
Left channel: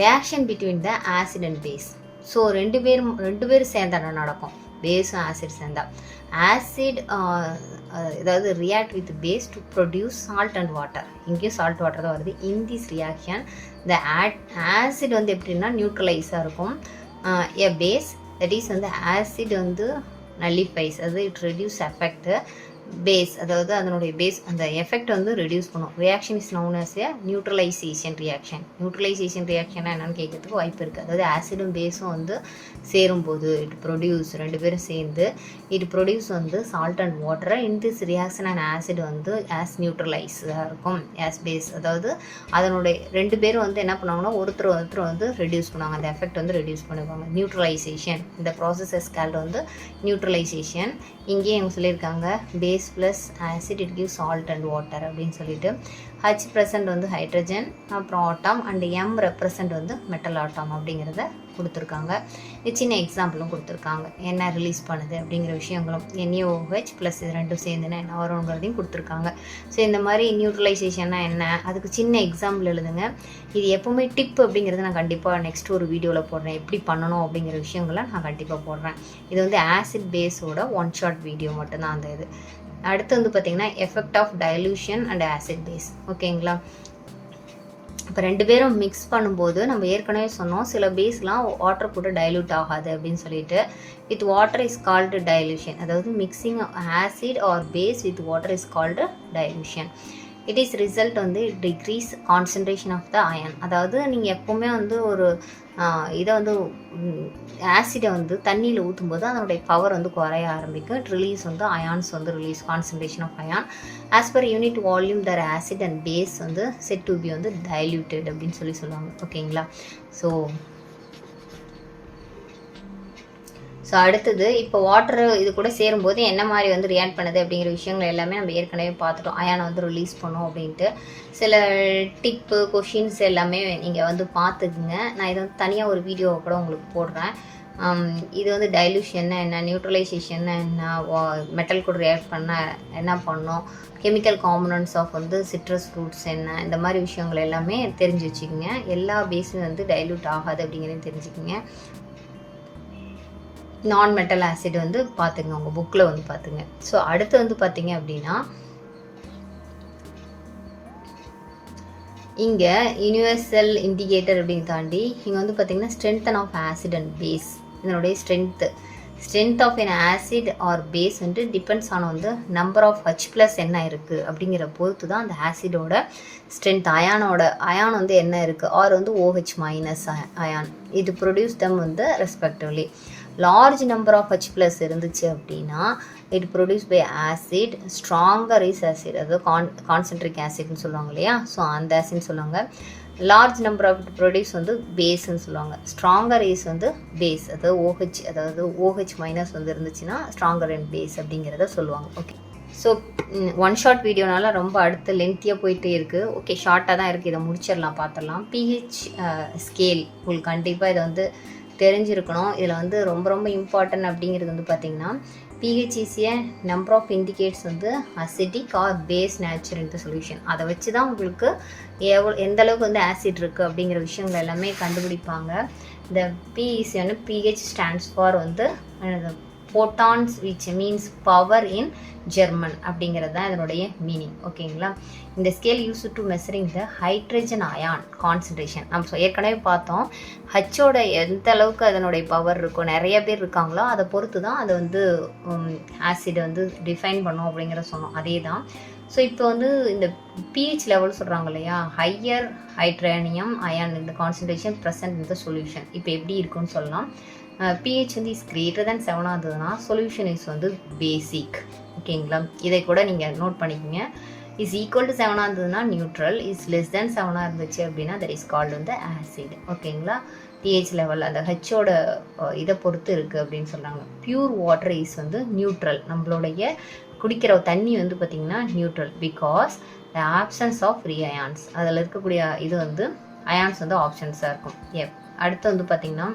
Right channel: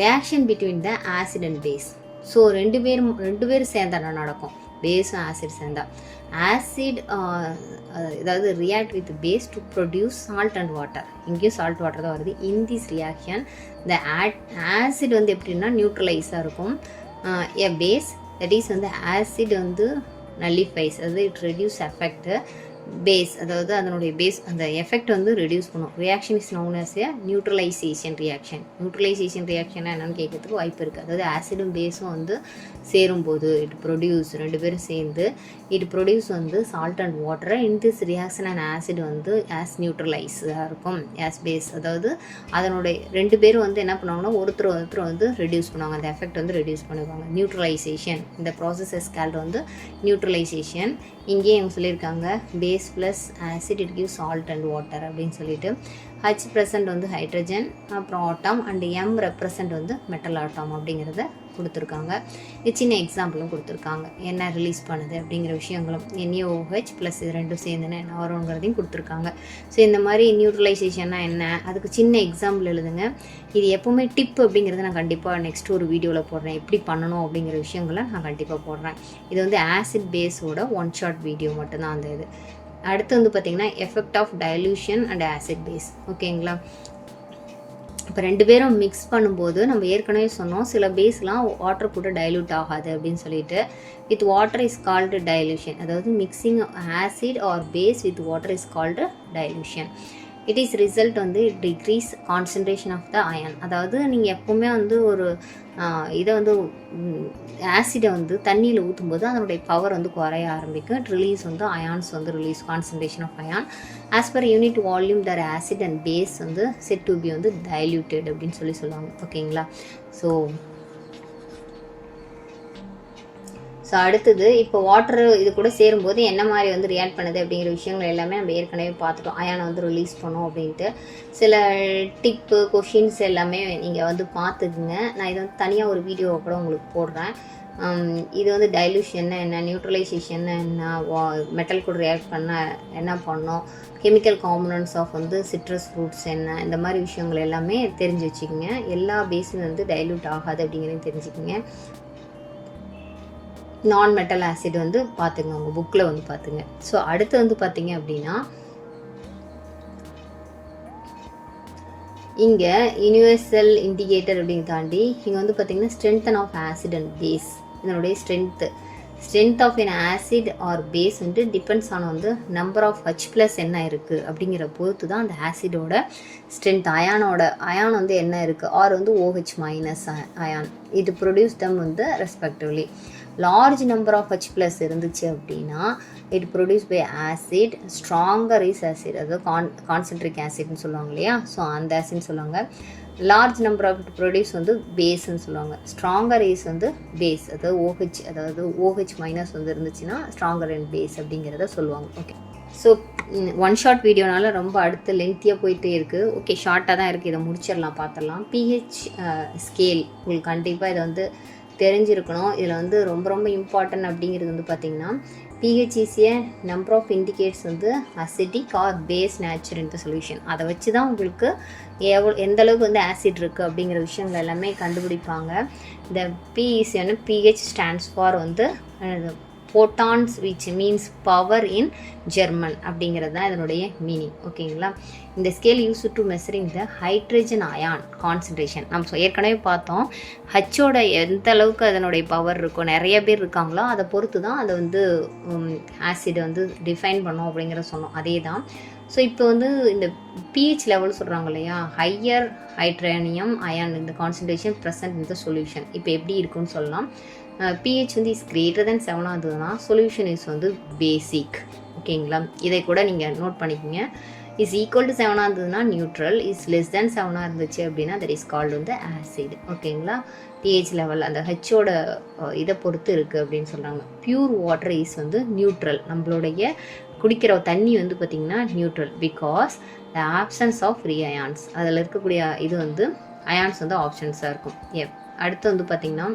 reaction between the acid and base. So ரெண்டு பேரும் சேர்ந்தா என்ன நடக்கும்? பேஸும் ஆசிட் சேர்ந்தா ஆசிட் அதாவது react with base to produce salt and water. இங்கேயும் சால்ட் வாட்டர் தான் வருது. In this reaction the acid வந்து எப்படின்னா நியூட்ரலைஸாக இருக்கும். எ பேஸ் தட் இஸ் வந்து ஆசிட் வந்து நல்லிஃபைஸ், அதாவது இட் ரெடியூஸ் எஃபெக்ட் பேஸ், அதாவது அதனுடைய பேஸ் அந்த எஃபெக்ட் வந்து ரெடியூஸ் பண்ணும். Reaction is known as a neutralisation reaction. Neutralisation reaction என்னன்னு கேட்கறதுக்கு வாய்ப்பு இருக்குது. அதாவது ஆசிடும் பேஸும் வந்து சேரும்போது இட் ப்ரொடியூஸ், ரெண்டு பேரும் சேர்ந்து இட் ப்ரொடியூஸ் வந்து சால்ட் அண்ட் வாட்டரை. இன் திஸ் ரியாக்ஷன் அண்ட் ஆசிட் வந்து ஆஸ் நியூட்ரலைஸாக இருக்கும் ஆஸ் பேஸ். அதாவது அதனுடைய ரெண்டு பேரும் வந்து என்ன பண்ணுவாங்கன்னா ஒருத்தர் வந்து ரெடியூஸ் பண்ணுவாங்க, அந்த எஃபெக்ட் வந்து ரெடியூஸ் பண்ணுவாங்க. நியூட்ரலைசேஷன், இந்த ப்ராசஸ் கால்டு வந்து நியூட்ரலைசேஷன். இங்கேயே அவங்க சொல்லியிருக்காங்க base plus acid it give salt and water அப்படின்னு சொல்லிட்டு. ஹச் ப்ரெசன்ட் வந்து ஹைட்ரஜன், அப்புறம் ஆட்டம், அண்ட் எம் ரெப்ரசன்ட் வந்து மெட்டல் ஆட்டம் அப்படிங்கிறத கொடுத்துருக்காங்க. இது சின்ன எக்ஸாம்பிளும் கொடுத்துருக்காங்க, என்ன ரிலீஸ் பண்ணுது அப்படிங்கிற விஷயங்களும். NaOH ப்ளஸ் இது ரெண்டும் சேர்ந்துன்னு என்ன வருங்கிறதையும் கொடுத்துருக்காங்க. ஸோ இந்த மாதிரி நியூட்ரலைசேஷன்னா என்ன, அதுக்கு சின்ன எக்ஸாம்பிள் எழுதுங்க. இது எப்போவுமே டிப் அப்படிங்கிறத நான் கண்டிப்பாக நெக்ஸ்ட் ஒரு வீடியோவில் போடுறேன், எப்படி பண்ணணும் அப்படிங்கிற விஷயங்களை நான் கண்டிப்பாக போடுறேன். இது வந்து ஆசிட் பேஸோட ஒன் ஷார்ட் வீடியோ மட்டும்தான் அந்த இது. அடுத்து வந்து பார்த்திங்கன்னா effect of dilution and acid base. ஓகேங்களா? இப்போ ரெண்டு பேரும் மிக்ஸ் பண்ணும்போது நம்ம ஏற்கனவே சொன்னோம் சில பேஸ்லாம் வாட்டர் கூட டைல்யூட் ஆகாது அப்படின்னு சொல்லிட்டு. With water is called dilution, அதாவது mixing acid or base with water is called dilution. It is result வந்து decrease concentration of the ion. அதாவது நீங்கள் எப்போவுமே வந்து ஒரு இதை வந்து ஆசிடை வந்து தண்ணியில் ஊற்றும்போது அதனுடைய பவர் வந்து குறைய ஆரம்பிக்கும். ரிலீஸ் வந்து அயான்ஸ் வந்து release, concentration of ion as per unit volume the acid and base வந்து செட் டு பி வந்து டைல்யூட்டட் அப்படின்னு சொல்லுவாங்க. ஓகேங்களா? ஸோ அடுத்தது இப்போ வாட்டர் இது கூட சேரும்போது என்ன மாதிரி வந்து ரியாக்ட் பண்ணுது அப்படிங்கிற விஷயங்கள் எல்லாமே நம்ம ஏற்கனவே பார்த்துட்டோம். அயானை வந்து ரிலீஸ் பண்ணோம் அப்படின்ட்டு சில டிப்பு கொஷின்ஸ் எல்லாமே நீங்கள் வந்து பார்த்துக்குங்க. நான் இதை வந்து தனியாக ஒரு வீடியோவை கூட உங்களுக்கு போடுறேன். இது வந்து டைல்யூஷன் என்ன, நியூட்ரலைசேஷன் என்ன, மெட்டல் கூட ரியாக்ட் பண்ணால் என்ன பண்ணோம், கெமிக்கல் காம்பனன்ட்ஸ் ஆஃப் வந்து சிட்ரஸ் ஃப்ரூட்ஸ் என்ன, இந்த மாதிரி விஷயங்கள் எல்லாமே தெரிஞ்சு வச்சுக்கோங்க. எல்லா பேஸுமே வந்து டைல்யூட் ஆகாது அப்படிங்கிறதையும் தெரிஞ்சுக்கோங்க. நான் மெட்டல் ஆசிட் வந்து பார்த்துங்க, உங்கள் புக்கில் வந்து பார்த்துங்க. ஸோ அடுத்து வந்து பார்த்தீங்க அப்படின்னா இங்கே யூனிவர்சல் இண்டிகேட்டர் அப்படின்னு தாண்டி இங்கே வந்து பார்த்தீங்கன்னா strengthen of acid and base. இதனுடைய strength of an acid or base வந்து டிபெண்ட்ஸ் ஆன வந்து நம்பர் ஆஃப் H ப்ளஸ் என்ன இருக்குது அப்படிங்கிற பொறுத்து தான் அந்த ஆசிடோட ஸ்ட்ரென்த். அயான் வந்து என்ன இருக்குது, ஆர் வந்து OH மைனஸ் அயான், இது ப்ரொடியூஸ் தம் வந்து respectively. Large number of H plus இருந்துச்சு அப்படின்னா it produce by acid, stronger is acid, அதாவது கான்சென்ட்ரிக் ஆசிட்னு சொல்லுவாங்க இல்லையா, ஸோ அந்த ஆசிட்னு சொல்லுவாங்க. லார்ஜ் நம்பர் ஆஃப் ப்ரொடியூஸ் வந்து பேஸ்ன்னு சொல்லுவாங்க. ஸ்ட்ராங்கர் இஸ் வந்து பேஸ், அதாவது OH மைனஸ் வந்து இருந்துச்சுன்னா ஸ்ட்ராங்கர் அண்ட் பேஸ் அப்படிங்கிறத சொல்லுவாங்க. ஓகே, ஸோ ஒன் ஷார்ட் வீடியோனால ரொம்ப அடுத்து லென்த்தியாக போயிட்டே இருக்குது. ஓகே, ஷார்ட்டாக தான் இருக்குது, இதை முடிச்சிடலாம், பார்த்துடலாம். pH ஸ்கேல் உங்களுக்கு கண்டிப்பாக இதை வந்து தெரிஞ்சிருக்கணும். இதில் வந்து ரொம்ப ரொம்ப இம்பார்ட்டன்ட் அப்படிங்கிறது வந்து பார்த்திங்கன்னா pH is a number of indicates வந்து acidic or base nature in the solution. அதை வச்சு தான் உங்களுக்கு எந்த அளவுக்கு வந்து ஆசிட் இருக்குது அப்படிங்கிற விஷயங்கள் எல்லாமே கண்டுபிடிப்பாங்க. இந்த pH stands for வந்து photons which means power in German அப்படிங்கிறது தான் இதனுடைய மீனிங். ஓகேங்களா? இந்த scale use to measuring the hydrogen ion concentration. நம்ம ஏற்கனவே பார்த்தோம் ஹச்சோட எந்த அளவுக்கு அதனுடைய பவர் இருக்கோ, நிறைய பேர் இருக்காங்களோ அதை பொறுத்து தான் அதை வந்து ஆசிட் வந்து டிஃபைன் பண்ணோம் அப்படிங்கிற சொன்னோம். அதே தான். ஸோ இப்போ வந்து இந்த pH லெவல் சொல்கிறாங்க இல்லையா, ஹையர் ஹைட்ரேனியம் அயான் இந்த கான்சன்ட்ரேஷன் ப்ரெசன்ட் இந்த சொல்யூஷன். இப்போ எப்படி இருக்குன்னு சொல்லலாம். pH வந்து இஸ் கிரேட்டர் தேன் 7 இருந்ததுன்னா சொல்யூஷன் இஸ் வந்து பேசிக். ஓகேங்களா? இதை கூட நீங்கள் நோட் பண்ணிக்கோங்க. இஸ் ஈக்குவல் டு 7 இருந்ததுன்னா நியூட்ரல், இஸ் லெஸ் தேன் 7 இருந்துச்சு அப்படின்னா தட் இஸ் கால்டு வந்து ஆசிட். ஓகேங்களா? pH லெவல் அந்த ஹெச்சோட இதை பொறுத்து இருக்குது அப்படின்னு சொல்கிறாங்க. பியூர் வாட்டர் இஸ் வந்து நியூட்ரல். நம்மளுடைய குடிக்கிற தண்ணி வந்து பார்த்திங்கன்னா neutral because the absence of free ions. அதில் இருக்கக்கூடிய இது வந்து அயான்ஸ் வந்து ஆப்ஷன்ஸாக இருக்கும். அடுத்து வந்து பார்த்திங்கன்னா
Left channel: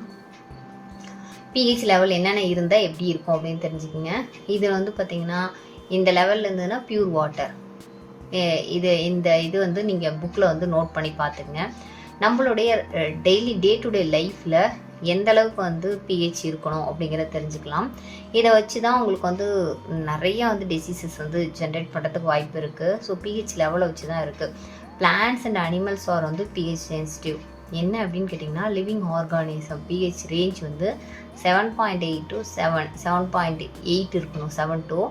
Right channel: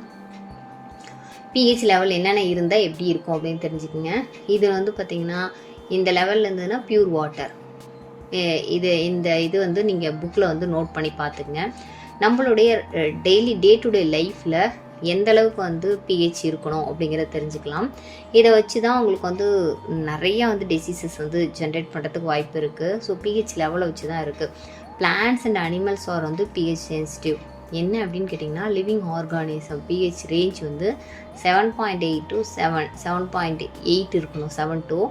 pH லெவல் என்னென்ன இருந்தால் எப்படி இருக்கும் அப்படின்னு தெரிஞ்சுக்கோங்க. இது வந்து பார்த்திங்கன்னா இந்த லெவலில் இருந்ததுன்னா பியூர் வாட்டர். இது வந்து நீங்கள் புக்கில் வந்து நோட் பண்ணி பார்த்துக்குங்க. நம்மளுடைய டெய்லி டே டு டே லைஃப்பில் எந்த அளவுக்கு வந்து பிஹெச் இருக்கணும் அப்படிங்கிறத தெரிஞ்சுக்கலாம். இதை வச்சு தான் உங்களுக்கு வந்து நிறையா வந்து டிசீசஸ் வந்து ஜென்ரேட் பண்ணுறதுக்கு வாய்ப்பு இருக்குது. ஸோ பிஹெச் லெவலை வச்சு தான் இருக்குது. பிளான்ட்ஸ் அண்ட் அனிமல்ஸ் ஆர் வந்து பிஹெச் சென்சிட்டிவ். என்ன அப்படின்னு கேட்டிங்கன்னா, லிவிங் ஆர்கானிசம் பிஹெச் ரேஞ்ச் வந்து 7.8 to 7.8 இருக்கணும். 7 to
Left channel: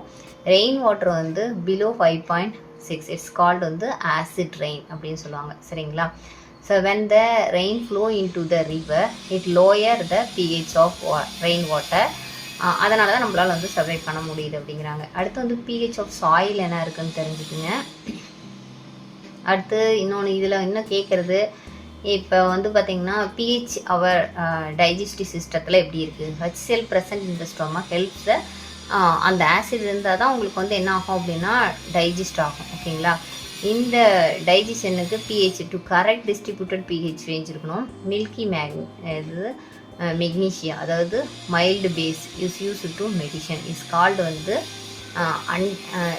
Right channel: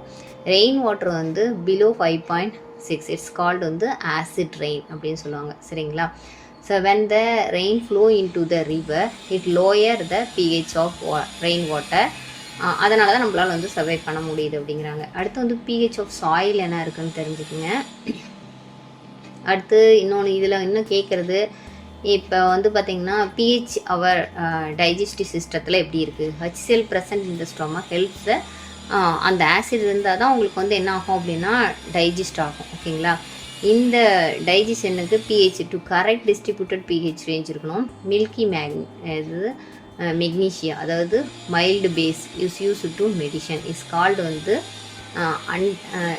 ரெயின் வாட்டர் வந்து பிலோ 5.6. இட்ஸ் கால்டு வந்து ஆசிட் ரெயின் அப்படின்னு சொல்லுவாங்க. சரிங்களா? So when the rain flow into the river, it lower the pH of rain water. அதனால தான் நம்மளால் வந்து சர்வை பண்ண முடியுது அப்படிங்கிறாங்க. அடுத்து வந்து pH ஆஃப் சாயில் என்ன இருக்குதுன்னு தெரிஞ்சுக்குங்க. அடுத்து இன்னொன்று இதில் இன்னும் கேட்குறது, இப்போ வந்து பார்த்திங்கன்னா pH அவர் டைஜஸ்டிவ் சிஸ்டத்தில் எப்படி இருக்குது? HCl present in the stomach helps the அந்த ஆசிட் இருந்தால் தான் உங்களுக்கு வந்து என்ன ஆகும் அப்படின்னா டைஜஸ்ட் ஆகும். ஓகேங்களா? இந்த டைஜஷனுக்கு pH to correct distributed pH range இருக்கணும். மில்கி இது மெக்னீஷியா, அதாவது mild base use to medicine is called வந்து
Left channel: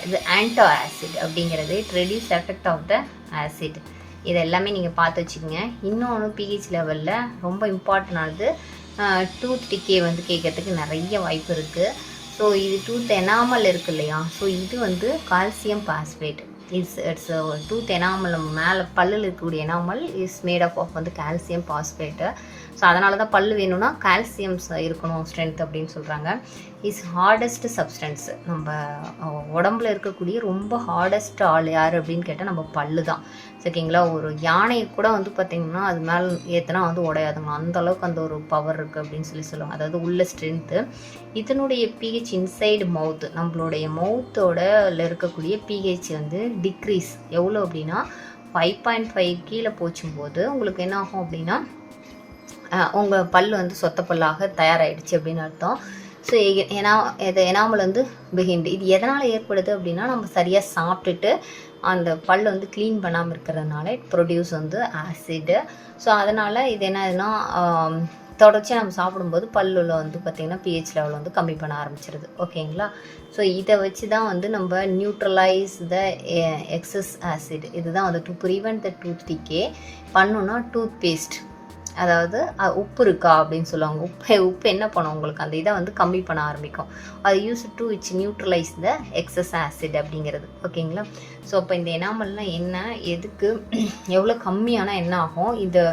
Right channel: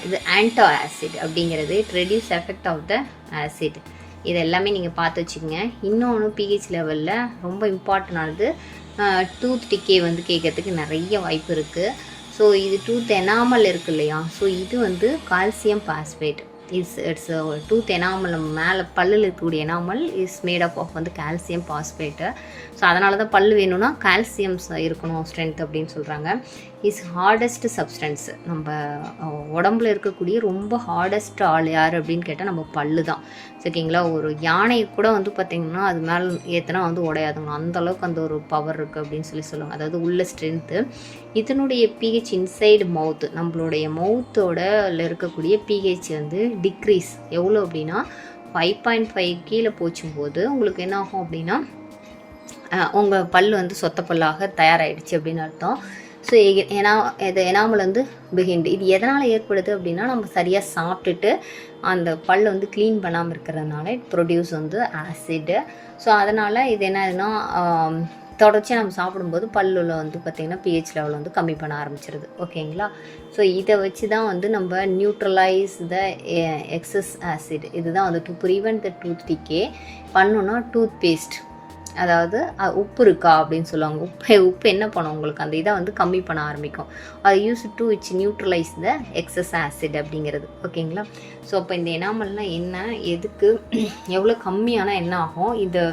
இது ஆன்டோ ஆசிட் அப்படிங்கிறது. It reduce effect of the acid. இது எல்லாமே நீங்கள் பார்த்து வச்சுக்கோங்க. இன்னொன்று பிஹெச் லெவலில் ரொம்ப இம்பார்ட்டண்டானது டூத் டிக்கே வந்து கேட்கறதுக்கு நிறைய வாய்ப்பு இருக்குது. ஸோ இது டூத் எனாமல் இருக்குது இல்லையா? ஸோ இது வந்து calcium phosphate. It's tooth enamel, நம்ம மேலே பல்லில் இருக்கக்கூடிய enamel is made up of வந்து கால்சியம் பாஸ்பேட்டு. ஸோ அதனால தான் பல் வேணும்னா கால்சியம்ஸ் இருக்கணும் ஸ்ட்ரென்த் அப்படின்னு சொல்கிறாங்க. Is hardest substance. நம்ம உடம்புல இருக்கக்கூடிய ரொம்ப ஹார்டஸ்ட் ஆள் யார் அப்படின்னு கேட்டால் நம்ம பல்லு தான். ஓகேங்களா? ஒரு யானையை கூட வந்து பார்த்திங்கன்னா அது மேலே ஏற்றினா வந்து உடையாதுங்க. அந்தளவுக்கு அந்த ஒரு பவர் இருக்குது அப்படின்னு சொல்லுவாங்க. அதாவது உள்ள ஸ்ட்ரென்த்து. இதனுடைய பிஹெச் இன்சைடு மவுத்து, நம்மளுடைய மவுத்தோட இருக்கக்கூடிய பிஹெச் வந்து டிக்ரீஸ் எவ்வளோ அப்படின்னா 5.5 கீழே போச்சும்போது உங்களுக்கு என்ன ஆகும் அப்படின்னா உங்கள் பல் வந்து சொத்த பல்லாக தயாராகிடுச்சு அப்படின்னு அர்த்தம். ஸோ ஏன்னா இது எனாமல் வந்து பிஹைண்ட். இது எதனால் ஏற்படுது அப்படின்னா நம்ம சரியாக சாப்பிட்டுட்டு அந்த பல் வந்து க்ளீன் பண்ணாமல் இருக்கிறதுனால இட் ப்ரொடியூஸ் வந்து ஆசிடு. ஸோ அதனால் இது என்ன ஆகுதுன்னா தொடர்ச்சியாக நம்ம சாப்பிடும்போது பல்லில் வந்து பார்த்திங்கன்னா பிஹெச் லெவல் வந்து கம்மி பண்ண ஆரம்பிச்சிருது. ஓகேங்களா? ஸோ இதை வச்சு தான் வந்து நம்ம நியூட்ரலைஸ் த எக்ஸஸ் ஆசிட். இதுதான் வந்து to prevent the tooth decay பண்ணணுன்னா டூத் பேஸ்ட், அதாவது உப்பு இருக்கா அப்படின்னு சொல்லுவாங்க. உப்பு என்ன பண்ணும் உங்களுக்கு அந்த இதை வந்து கம்மி பண்ண ஆரம்பிக்கும். அது use to which neutralise the excess acid அப்படிங்கிறது. ஓகேங்களா? ஸோ அப்போ இந்த எனாமல்னால் என்ன, எதுக்கு, எவ்வளோ கம்மியானால் என்ன ஆகும், இதை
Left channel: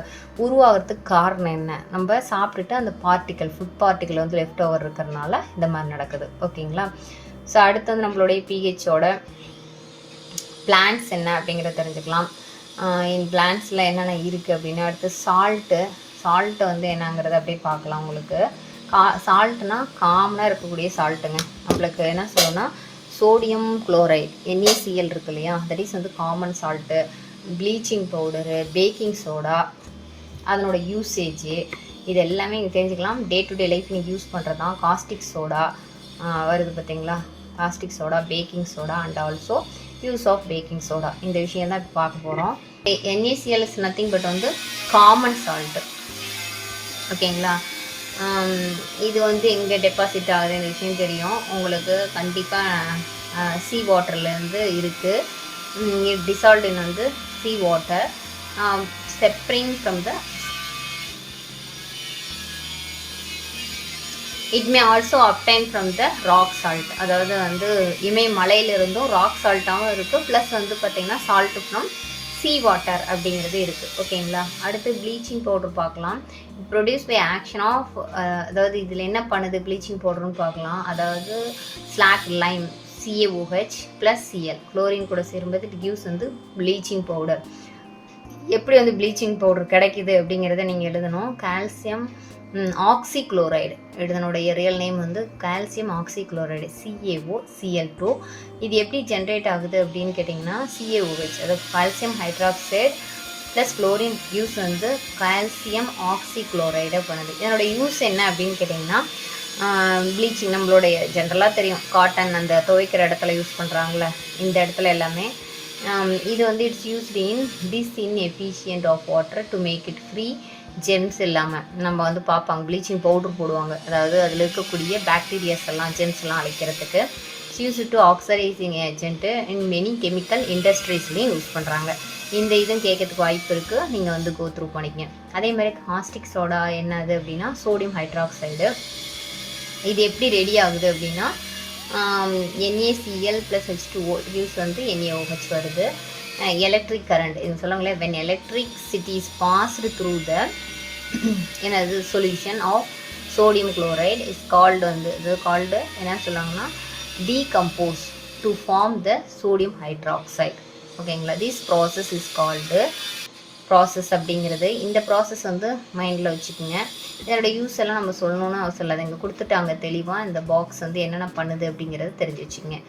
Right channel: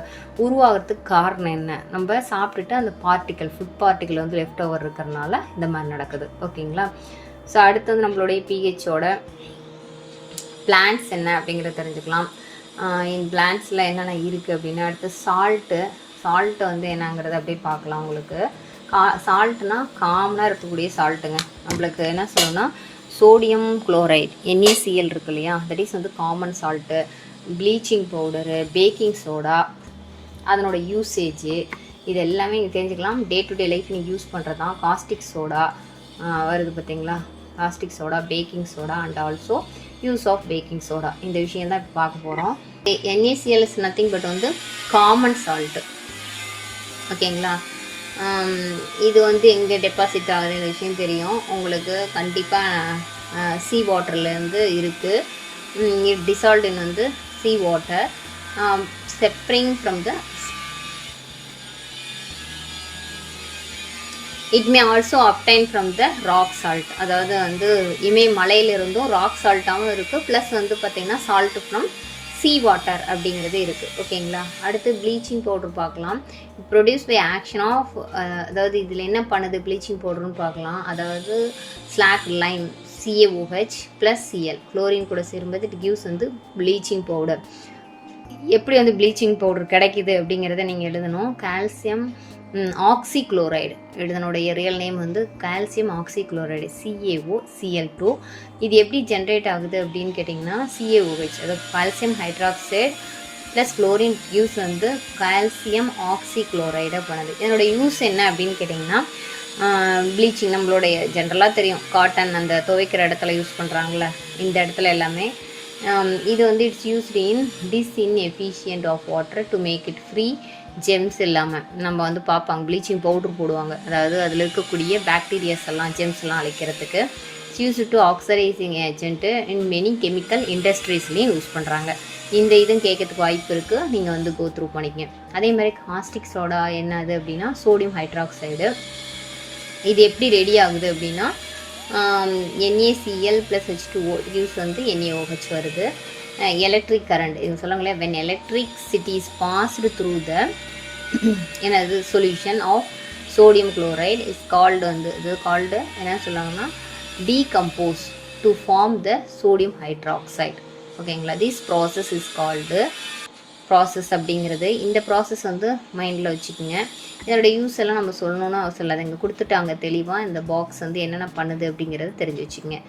உருவாகிறதுக்கு காரணம் என்ன, நம்ம சாப்பிட்டுட்டு அந்த பார்ட்டிக்கல் ஃபுட் பார்ட்டிக்கல் வந்து லெஃப்ட் ஓவர் இருக்கிறதுனால இந்த மாதிரி நடக்குது. ஓகேங்களா? ஸோ அடுத்து வந்து நம்மளுடைய பிஹெச்சோட பிளான்ட்ஸ் என்ன அப்படிங்கிறத தெரிஞ்சுக்கலாம். பிளான்ட்ஸில் என்னென்ன இருக்குது அப்படின்னா, அடுத்து சால்ட்டு வந்து என்னங்கிறத அப்படியே பார்க்கலாம். உங்களுக்கு சால்ட்னா காமனாக இருக்கக்கூடிய சால்ட்டுங்க. நம்மளுக்கு என்ன சொல்லணும்னா சோடியம் குளோரைட் NaCl இருக்கு இல்லையா, தட் இஸ் வந்து common salt. Bleaching powder, baking soda, அதனோட யூசேஜு இது எல்லாமே நீங்கள் தெரிஞ்சுக்கலாம். டே டு டே லைஃப் நீங்கள் யூஸ் பண்ணுறது தான். காஸ்டிக் சோடா வருது பார்த்தீங்களா, caustic soda, baking soda and also use of baking soda. இந்த விஷயம் தான் இப்போ பார்க்க போகிறோம். NaCl இஸ் நத்திங் பட் வந்து காமன் சால்ட்டு. ஓகேங்களா? இது வந்து எங்கே டெபாசிட் ஆகுதுன்ற விஷயம் தெரியும் உங்களுக்கு. கண்டிப்பாக சீ வாட்டர்லேருந்து இருக்குது. டிசால்ட் வந்து sea water separating from the it may also obtain from the rock salt. அதாவது வந்து மலையிலிருந்தும் ராக் சால்ட்டாகவும் இருக்குது, ப்ளஸ் வந்து பார்த்திங்கன்னா சால்ட்டு ஃப்ரம் சீ வாட்டர் அப்படிங்கிறது இருக்குது. ஓகேங்களா? அடுத்து ப்ளீச்சிங் பவுடர் பார்க்கலாம். ப்ரொடியூஸ் பை ஆக்ஷன் ஆஃப், அதாவது இதில் என்ன பண்ணுது ப்ளீச்சிங் பவுடர்னு பார்க்கலாம். அதாவது slack Lime CaOH plus Cl chlorine கூட சேரும்போது இட் கிவ்ஸ் வந்து ப்ளீச்சிங் பவுடர். எப்படி வந்து ப்ளீச்சிங் பவுடர் கிடைக்கிது அப்படிங்கிறத நீங்கள் எழுதணும். கால்சியம் ஆக்சிக்ளோரைடு, இதனுடைய ரியல் நேம் வந்து கால்சியம் ஆக்சிக்ளோரைடு CaOCl2. இது எப்படி ஜென்ரேட் ஆகுது அப்படின்னு கேட்டிங்கன்னா CaOH, அதாவது calcium hydroxide plus chlorine use வந்து கால்சியம் ஆக்சிக்ளோரைடை பண்ணுது. இதனோட யூஸ் என்ன அப்படின்னு கேட்டிங்கன்னா ப்ளீச்சிங் நம்மளுடைய ஜென்ரலாக தெரியும், காட்டன் அந்த துவைக்கிற இடத்துல யூஸ் பண்ணுறாங்களே, இந்த இடத்துல எல்லாமே இது வந்து it's used in disinfection of water to make it free germs இல்லாமல். நம்ம வந்து பார்ப்பாங்க ப்ளீச்சிங் பவுடர் போடுவாங்க, அதாவது அதில் இருக்கக்கூடிய பாக்டீரியாஸ் எல்லாம் ஜெம்ஸ் எல்லாம் அழிக்கிறதுக்கு. Use to oxidising agent in many chemical இண்டஸ்ட்ரீஸ்லேயும் யூஸ் பண்ணுறாங்க. இந்த இதுவும் கேட்கறதுக்கு வாய்ப்பு இருக்குது, நீங்கள் வந்து கோ த்ரூ பண்ணிக்கங்க. அதே மாதிரி காஸ்டிக் சோடா என்னது அப்படின்னா சோடியம் ஹைட்ராக்சைடு. இது எப்படி ரெடி ஆகுது அப்படின்னா NaCl + H2O யூஸ் வந்து NaOH வருது. எலக்ட்ரிக் கரண்ட் இது சொல்லுவாங்களே, when electricity is passed through the என்னது solution of sodium chloride is called வந்து இது கால்டு என்ன சொல்லுவாங்கன்னா decompose to form the sodium hydroxide. ஓகேங்களா, this process is called process அப்படிங்கிறது. இந்த ப்ராசஸ் வந்து மைண்டில் வச்சுக்கோங்க. இதோட யூஸ் எல்லாம் நம்ம சொல்லணும்னு அவசியம் இல்லை, இங்கே கொடுத்துட்டாங்க தெளிவாக. இந்த பாக்ஸ் வந்து என்னென்ன பண்ணுது அப்படிங்கிறது தெரிஞ்சு வச்சுக்கோங்க.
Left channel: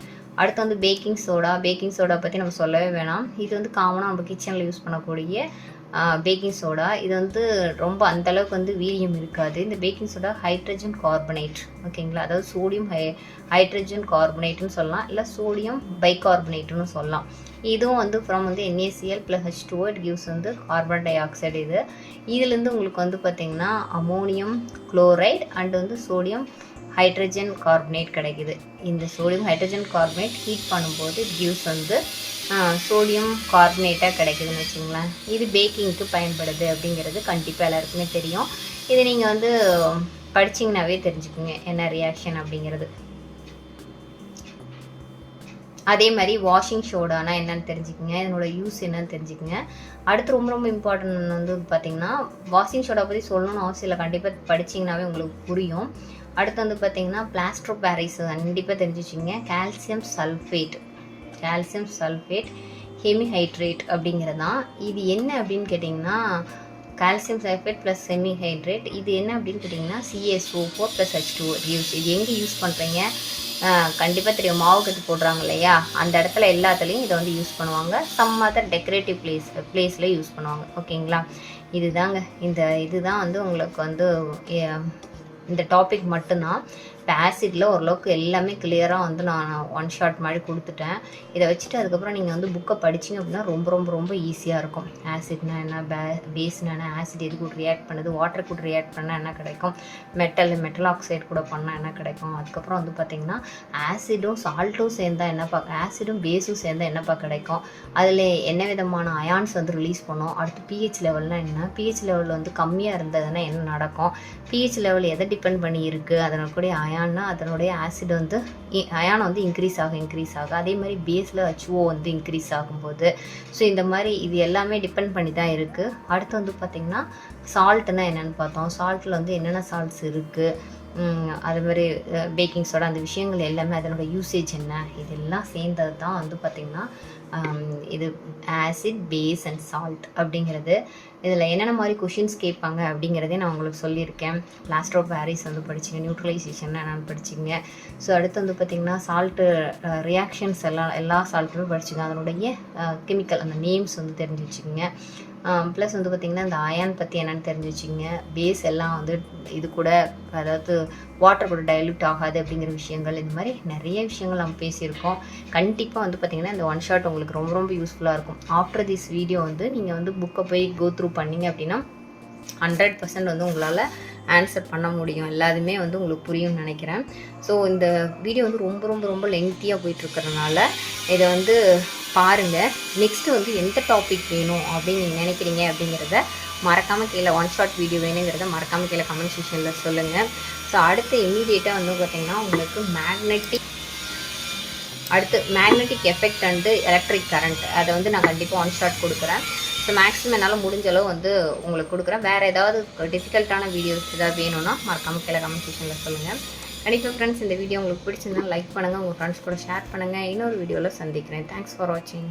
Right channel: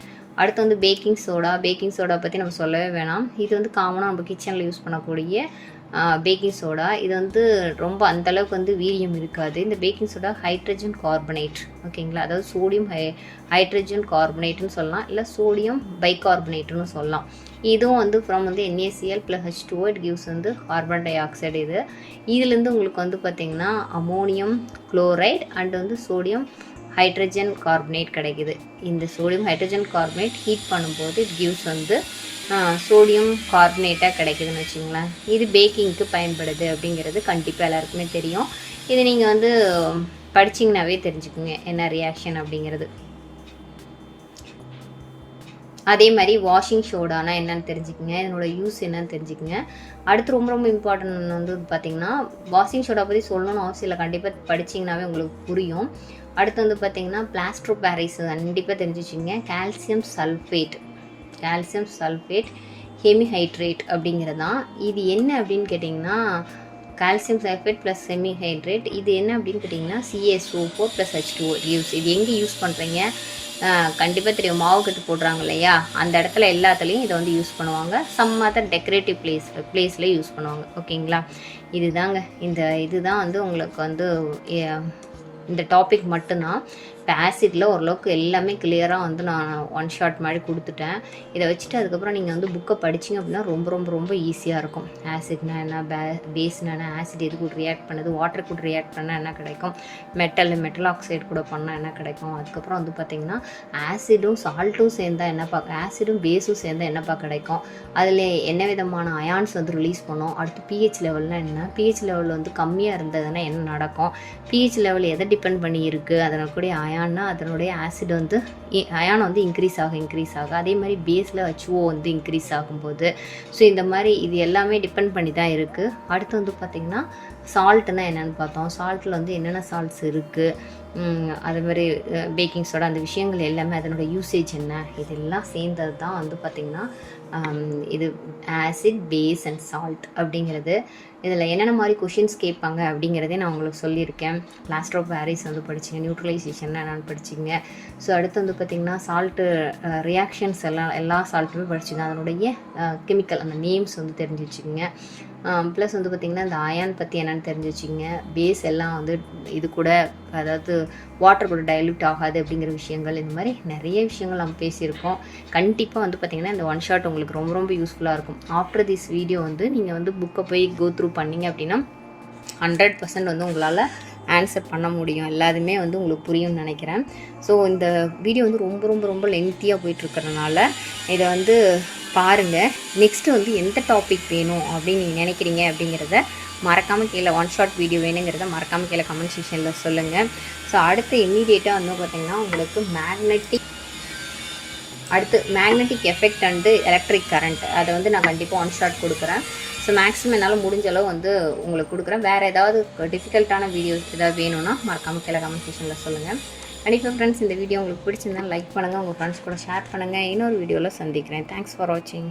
அடுத்து வந்து பேக்கிங் சோடா. பேக்கிங் சோடா பற்றி நம்ம சொல்லவே வேணாம். இது வந்து காமனாக நம்ம கிச்சனில் யூஸ் பண்ணக்கூடிய பேக்கிங் சோடா. இது வந்து ரொம்ப அந்தளவுக்கு வந்து வீரியம் இருக்காது. இந்த பேக்கிங் சோடா ஹைட்ரஜன் கார்பனேட். ஓகேங்களா, அதாவது சோடியம் ஹைட்ரஜன் கார்பனேட்னு சொல்லலாம், இல்லை சோடியம் பைகார்பனேட்னு சொல்லலாம். இதுவும் வந்து ஃப்ரம் வந்து NaCl + H2O இட் கிவ்ஸ் வந்து கார்பன் டை ஆக்சைடு. இதுலேருந்து உங்களுக்கு வந்து பார்த்திங்கன்னா அமோனியம் குளோரைடு அண்ட் வந்து சோடியம் ஹைட்ரஜன் கார்பனேட் கிடைக்குது. இந்த சோடியம் ஹைட்ரஜன் கார்பனேட் ஹீட் பண்ணும்போது இட் கிவ்ஸ் வந்து சோடியம் கார்பனேட்டாக கிடைக்குதுன்னு வச்சுங்களேன். இது பேக்கிங்க்கு பயன்படுது அப்படிங்கிறது கண்டிப்பாக எல்லாருக்குமே தெரியும். இது நீங்கள் வந்து படிச்சிங்கனாவே தெரிஞ்சுக்குங்க என்ன ரியாக்ஷன் அப்படிங்கிறது. அதே மாதிரி வாஷிங் சோடானா என்னென்னு தெரிஞ்சுக்கங்க, இதனோட யூஸ் என்னன்னு தெரிஞ்சுக்கங்க. அடுத்து ரொம்ப ரொம்ப இம்பார்ட்டன்ட் வந்து பார்த்திங்கன்னா வாஷிங் சோடா பற்றி சொல்லணும்னு அவசியம் இல்லை, கண்டிப்பாக படிச்சிங்கனாவே உங்களுக்கு புரியும். அடுத்து வந்து பார்த்திங்கன்னா பிளாஸ்டர் ஆஃப் பாரிஸ் கண்டிப்பாக தெரிஞ்சு வச்சுங்க. கால்சியம் சல்ஃபேட் ஹெமிஹைட்ரேட் அப்படிங்கிறது தான். இது என்ன அப்படின்னு கேட்டிங்கன்னா கால்சியம் சல்ஃபேட் ப்ளஸ் ஹெமிஹைட்ரேட். இது என்ன அப்படின்னு கேட்டிங்கன்னா CaSO4 + H2O யூஸ். இது எங்கே யூஸ் பண்ணுறீங்க கண்டிப்பாக தெரியும், மாவு கட்டு போடுறாங்க இல்லையா, அந்த இடத்துல எல்லாத்துலேயும் இதை வந்து யூஸ் பண்ணுவாங்க. சம் அதர் டெக்கரேட்டிவ் பிளேஸில் யூஸ் பண்ணுவாங்க. ஓகேங்களா, இதுதான் வந்து உங்களுக்கு வந்து இந்த டாபிக் மட்டும்தான். இப்போ ஆசிடில் ஓரளவுக்கு எல்லாமே கிளியராக வந்து நான் ஒன் ஷாட் மாதிரி கொடுத்துட்டேன். இதை வச்சுட்டு அதுக்கப்புறம் நீங்கள் வந்து புக்கை படிச்சிங்க அப்படின்னா ரொம்ப ரொம்ப ரொம்ப ஈஸியாக இருக்கும். ஆசிட்னா என்ன, பேஸ்னா என்ன, ஆசிட் எது கூட ரியாக்ட் பண்ணுது, வாட்டர் கூட ரியாக்ட் பண்ணால் என்ன கிடைக்கும், மெட்டல் ஆக்சைடு கூட பண்ணால் என்ன கிடைக்கும், அதுக்கப்புறம் வந்து பார்த்திங்கன்னா ஆசிடும் சால்ட்டும் சேர்ந்தால் என்னப்பா, ஆசிடும் பேஸும் சேர்ந்தால் என்னப்பா கிடைக்கும், அதில் என்ன விதமான அயான்ஸ் வந்து ரிலீஸ் பண்ணும், அடுத்து pH லெவல்னால் என்ன, pH லெவல் வந்து கம்மியாக இருந்ததுன்னா என்ன நடக்கும், pH லெவல் எதை டிபெண்ட் பண்ணி இருக்குது, அதனுடைய அயான்னா அதனுடைய ஆசிட் வந்து அயான் வந்து இன்க்ரீஸ் ஆக அதே மாதிரி பேஸில் HO வந்து இன்க்ரீஸ் ஆகும்போது. ஸோ இந்த மாதிரி இது எல்லாமே டிபெண்ட் பண்ணி தான் இருக்குது. அடுத்து வந்து பார்த்திங்கன்னா சால்ட்னா என்னென்னு பார்த்தோம். சால்ட்டில் வந்து என்னென்ன சால்ட்ஸ் இருக்குது, அது மாதிரி பேக்கிங் சோடா, அந்த விஷயங்கள் எல்லாமே அதனோட யூசேஜ் என்ன, இதெல்லாம் சேர்ந்தது தான் வந்து பார்த்திங்கன்னா இது ஆசிட், பேஸ் அண்ட் சால்ட் அப்படிங்கிறது. இதில் என்னென்ன மாதிரி கொஷின்ஸ் கேட்பாங்க அப்படிங்கிறதே நான் உங்களுக்கு சொல்லியிருக்கேன். பிளாஸ்டர் ஆஃப் பாரிஸ் வந்து படிச்சிங்க, நியூட்ரலைசேஷன் என்னென்னு படிச்சிங்க. ஸோ அடுத்து வந்து பார்த்திங்கன்னா சால்ட்டு ரியாக்ஷன்ஸ் எல்லா சால்ட்டுமே படிச்சிங்க, அதனுடைய கெமிக்கல் அந்த நேம்ஸ் வந்து தெரிஞ்சு வச்சுக்கோங்க. ப்ளஸ் வந்து பார்த்திங்கன்னா இந்த அயான் பற்றி என்னென்னு தெரிஞ்சு வச்சுங்க. பேஸ் எல்லாம் வந்து இது கூட அதாவது வாட்டர் கூட டைல்யூட் ஆகாது அப்படிங்கிற விஷயங்கள், இந்த மாதிரி நிறைய விஷயங்கள் நம்ம பேசியிருக்கோம். கண்டிப்பாக வந்து பார்த்திங்கன்னா இந்த ஒன் ஷாட் உங்களுக்கு ரொம்ப ரொம்ப யூஸ்ஃபுல்லாக இருக்கும். ஆஃப்டர் திஸ் வீடியோ வந்து நீங்கள் வந்து புக்கை போய் கோ த்ரூ பண்ணிங்க அப்படின்னா 100% வந்து உங்களால் ஆன்சர் பண்ண முடியும், எல்லாதுமே வந்து உங்களுக்கு புரியும்னு நினைக்கிறேன். ஸோ இந்த வீடியோ வந்து ரொம்ப ரொம்ப ரொம்ப லென்த்தியாக போயிட்டுருக்கிறதுனால இதை வந்து பாருங்கள். நெக்ஸ்ட்டு வந்து எந்த டாபிக் வேணும் அப்படின்னு நீங்கள் நினைக்கிறீங்க அப்படிங்கிறத மறக்காமல் கீழே ஒன் ஷாட் வீடியோ வேணுங்கிறத மறக்காமல் கீழே கமெண்ட் செக்ஷனில் சொல்லுங்கள். ஸோ அடுத்து இம்மீடியட்டாக வந்து பார்த்திங்கன்னா உங்களுக்கு magnetic effect and electric current, அதை வந்து நான் கண்டிப்பாக ஒன் ஷாட் கொடுக்குறேன். ஸோ மேக்ஸிமம் என்னால் முடிஞ்ச அளவு வந்து உங்களுக்கு கொடுக்குறேன். வேறு ஏதாவது டிஃபிகல்ட்டான வீடியோஸ் ஏதாவது வேணும்னா மறக்காமல் கீழே கமெண்ட் செக்ஷனில் சொல்லுங்கள். கண்டிப்பாக ஃப்ரெண்ட்ஸ், இந்த வீடியோ உங்களுக்கு பிடிச்சிருந்தாலும் லைக் பண்ணுங்கள், உங்கள் ஃப்ரெண்ட்ஸ் கூட ஷேர் பண்ணுங்கள். இன்னொரு வீடியோவில் சந்திக்கிறேன். தேங்க்ஸ் ஃபார் வாட்சிங்.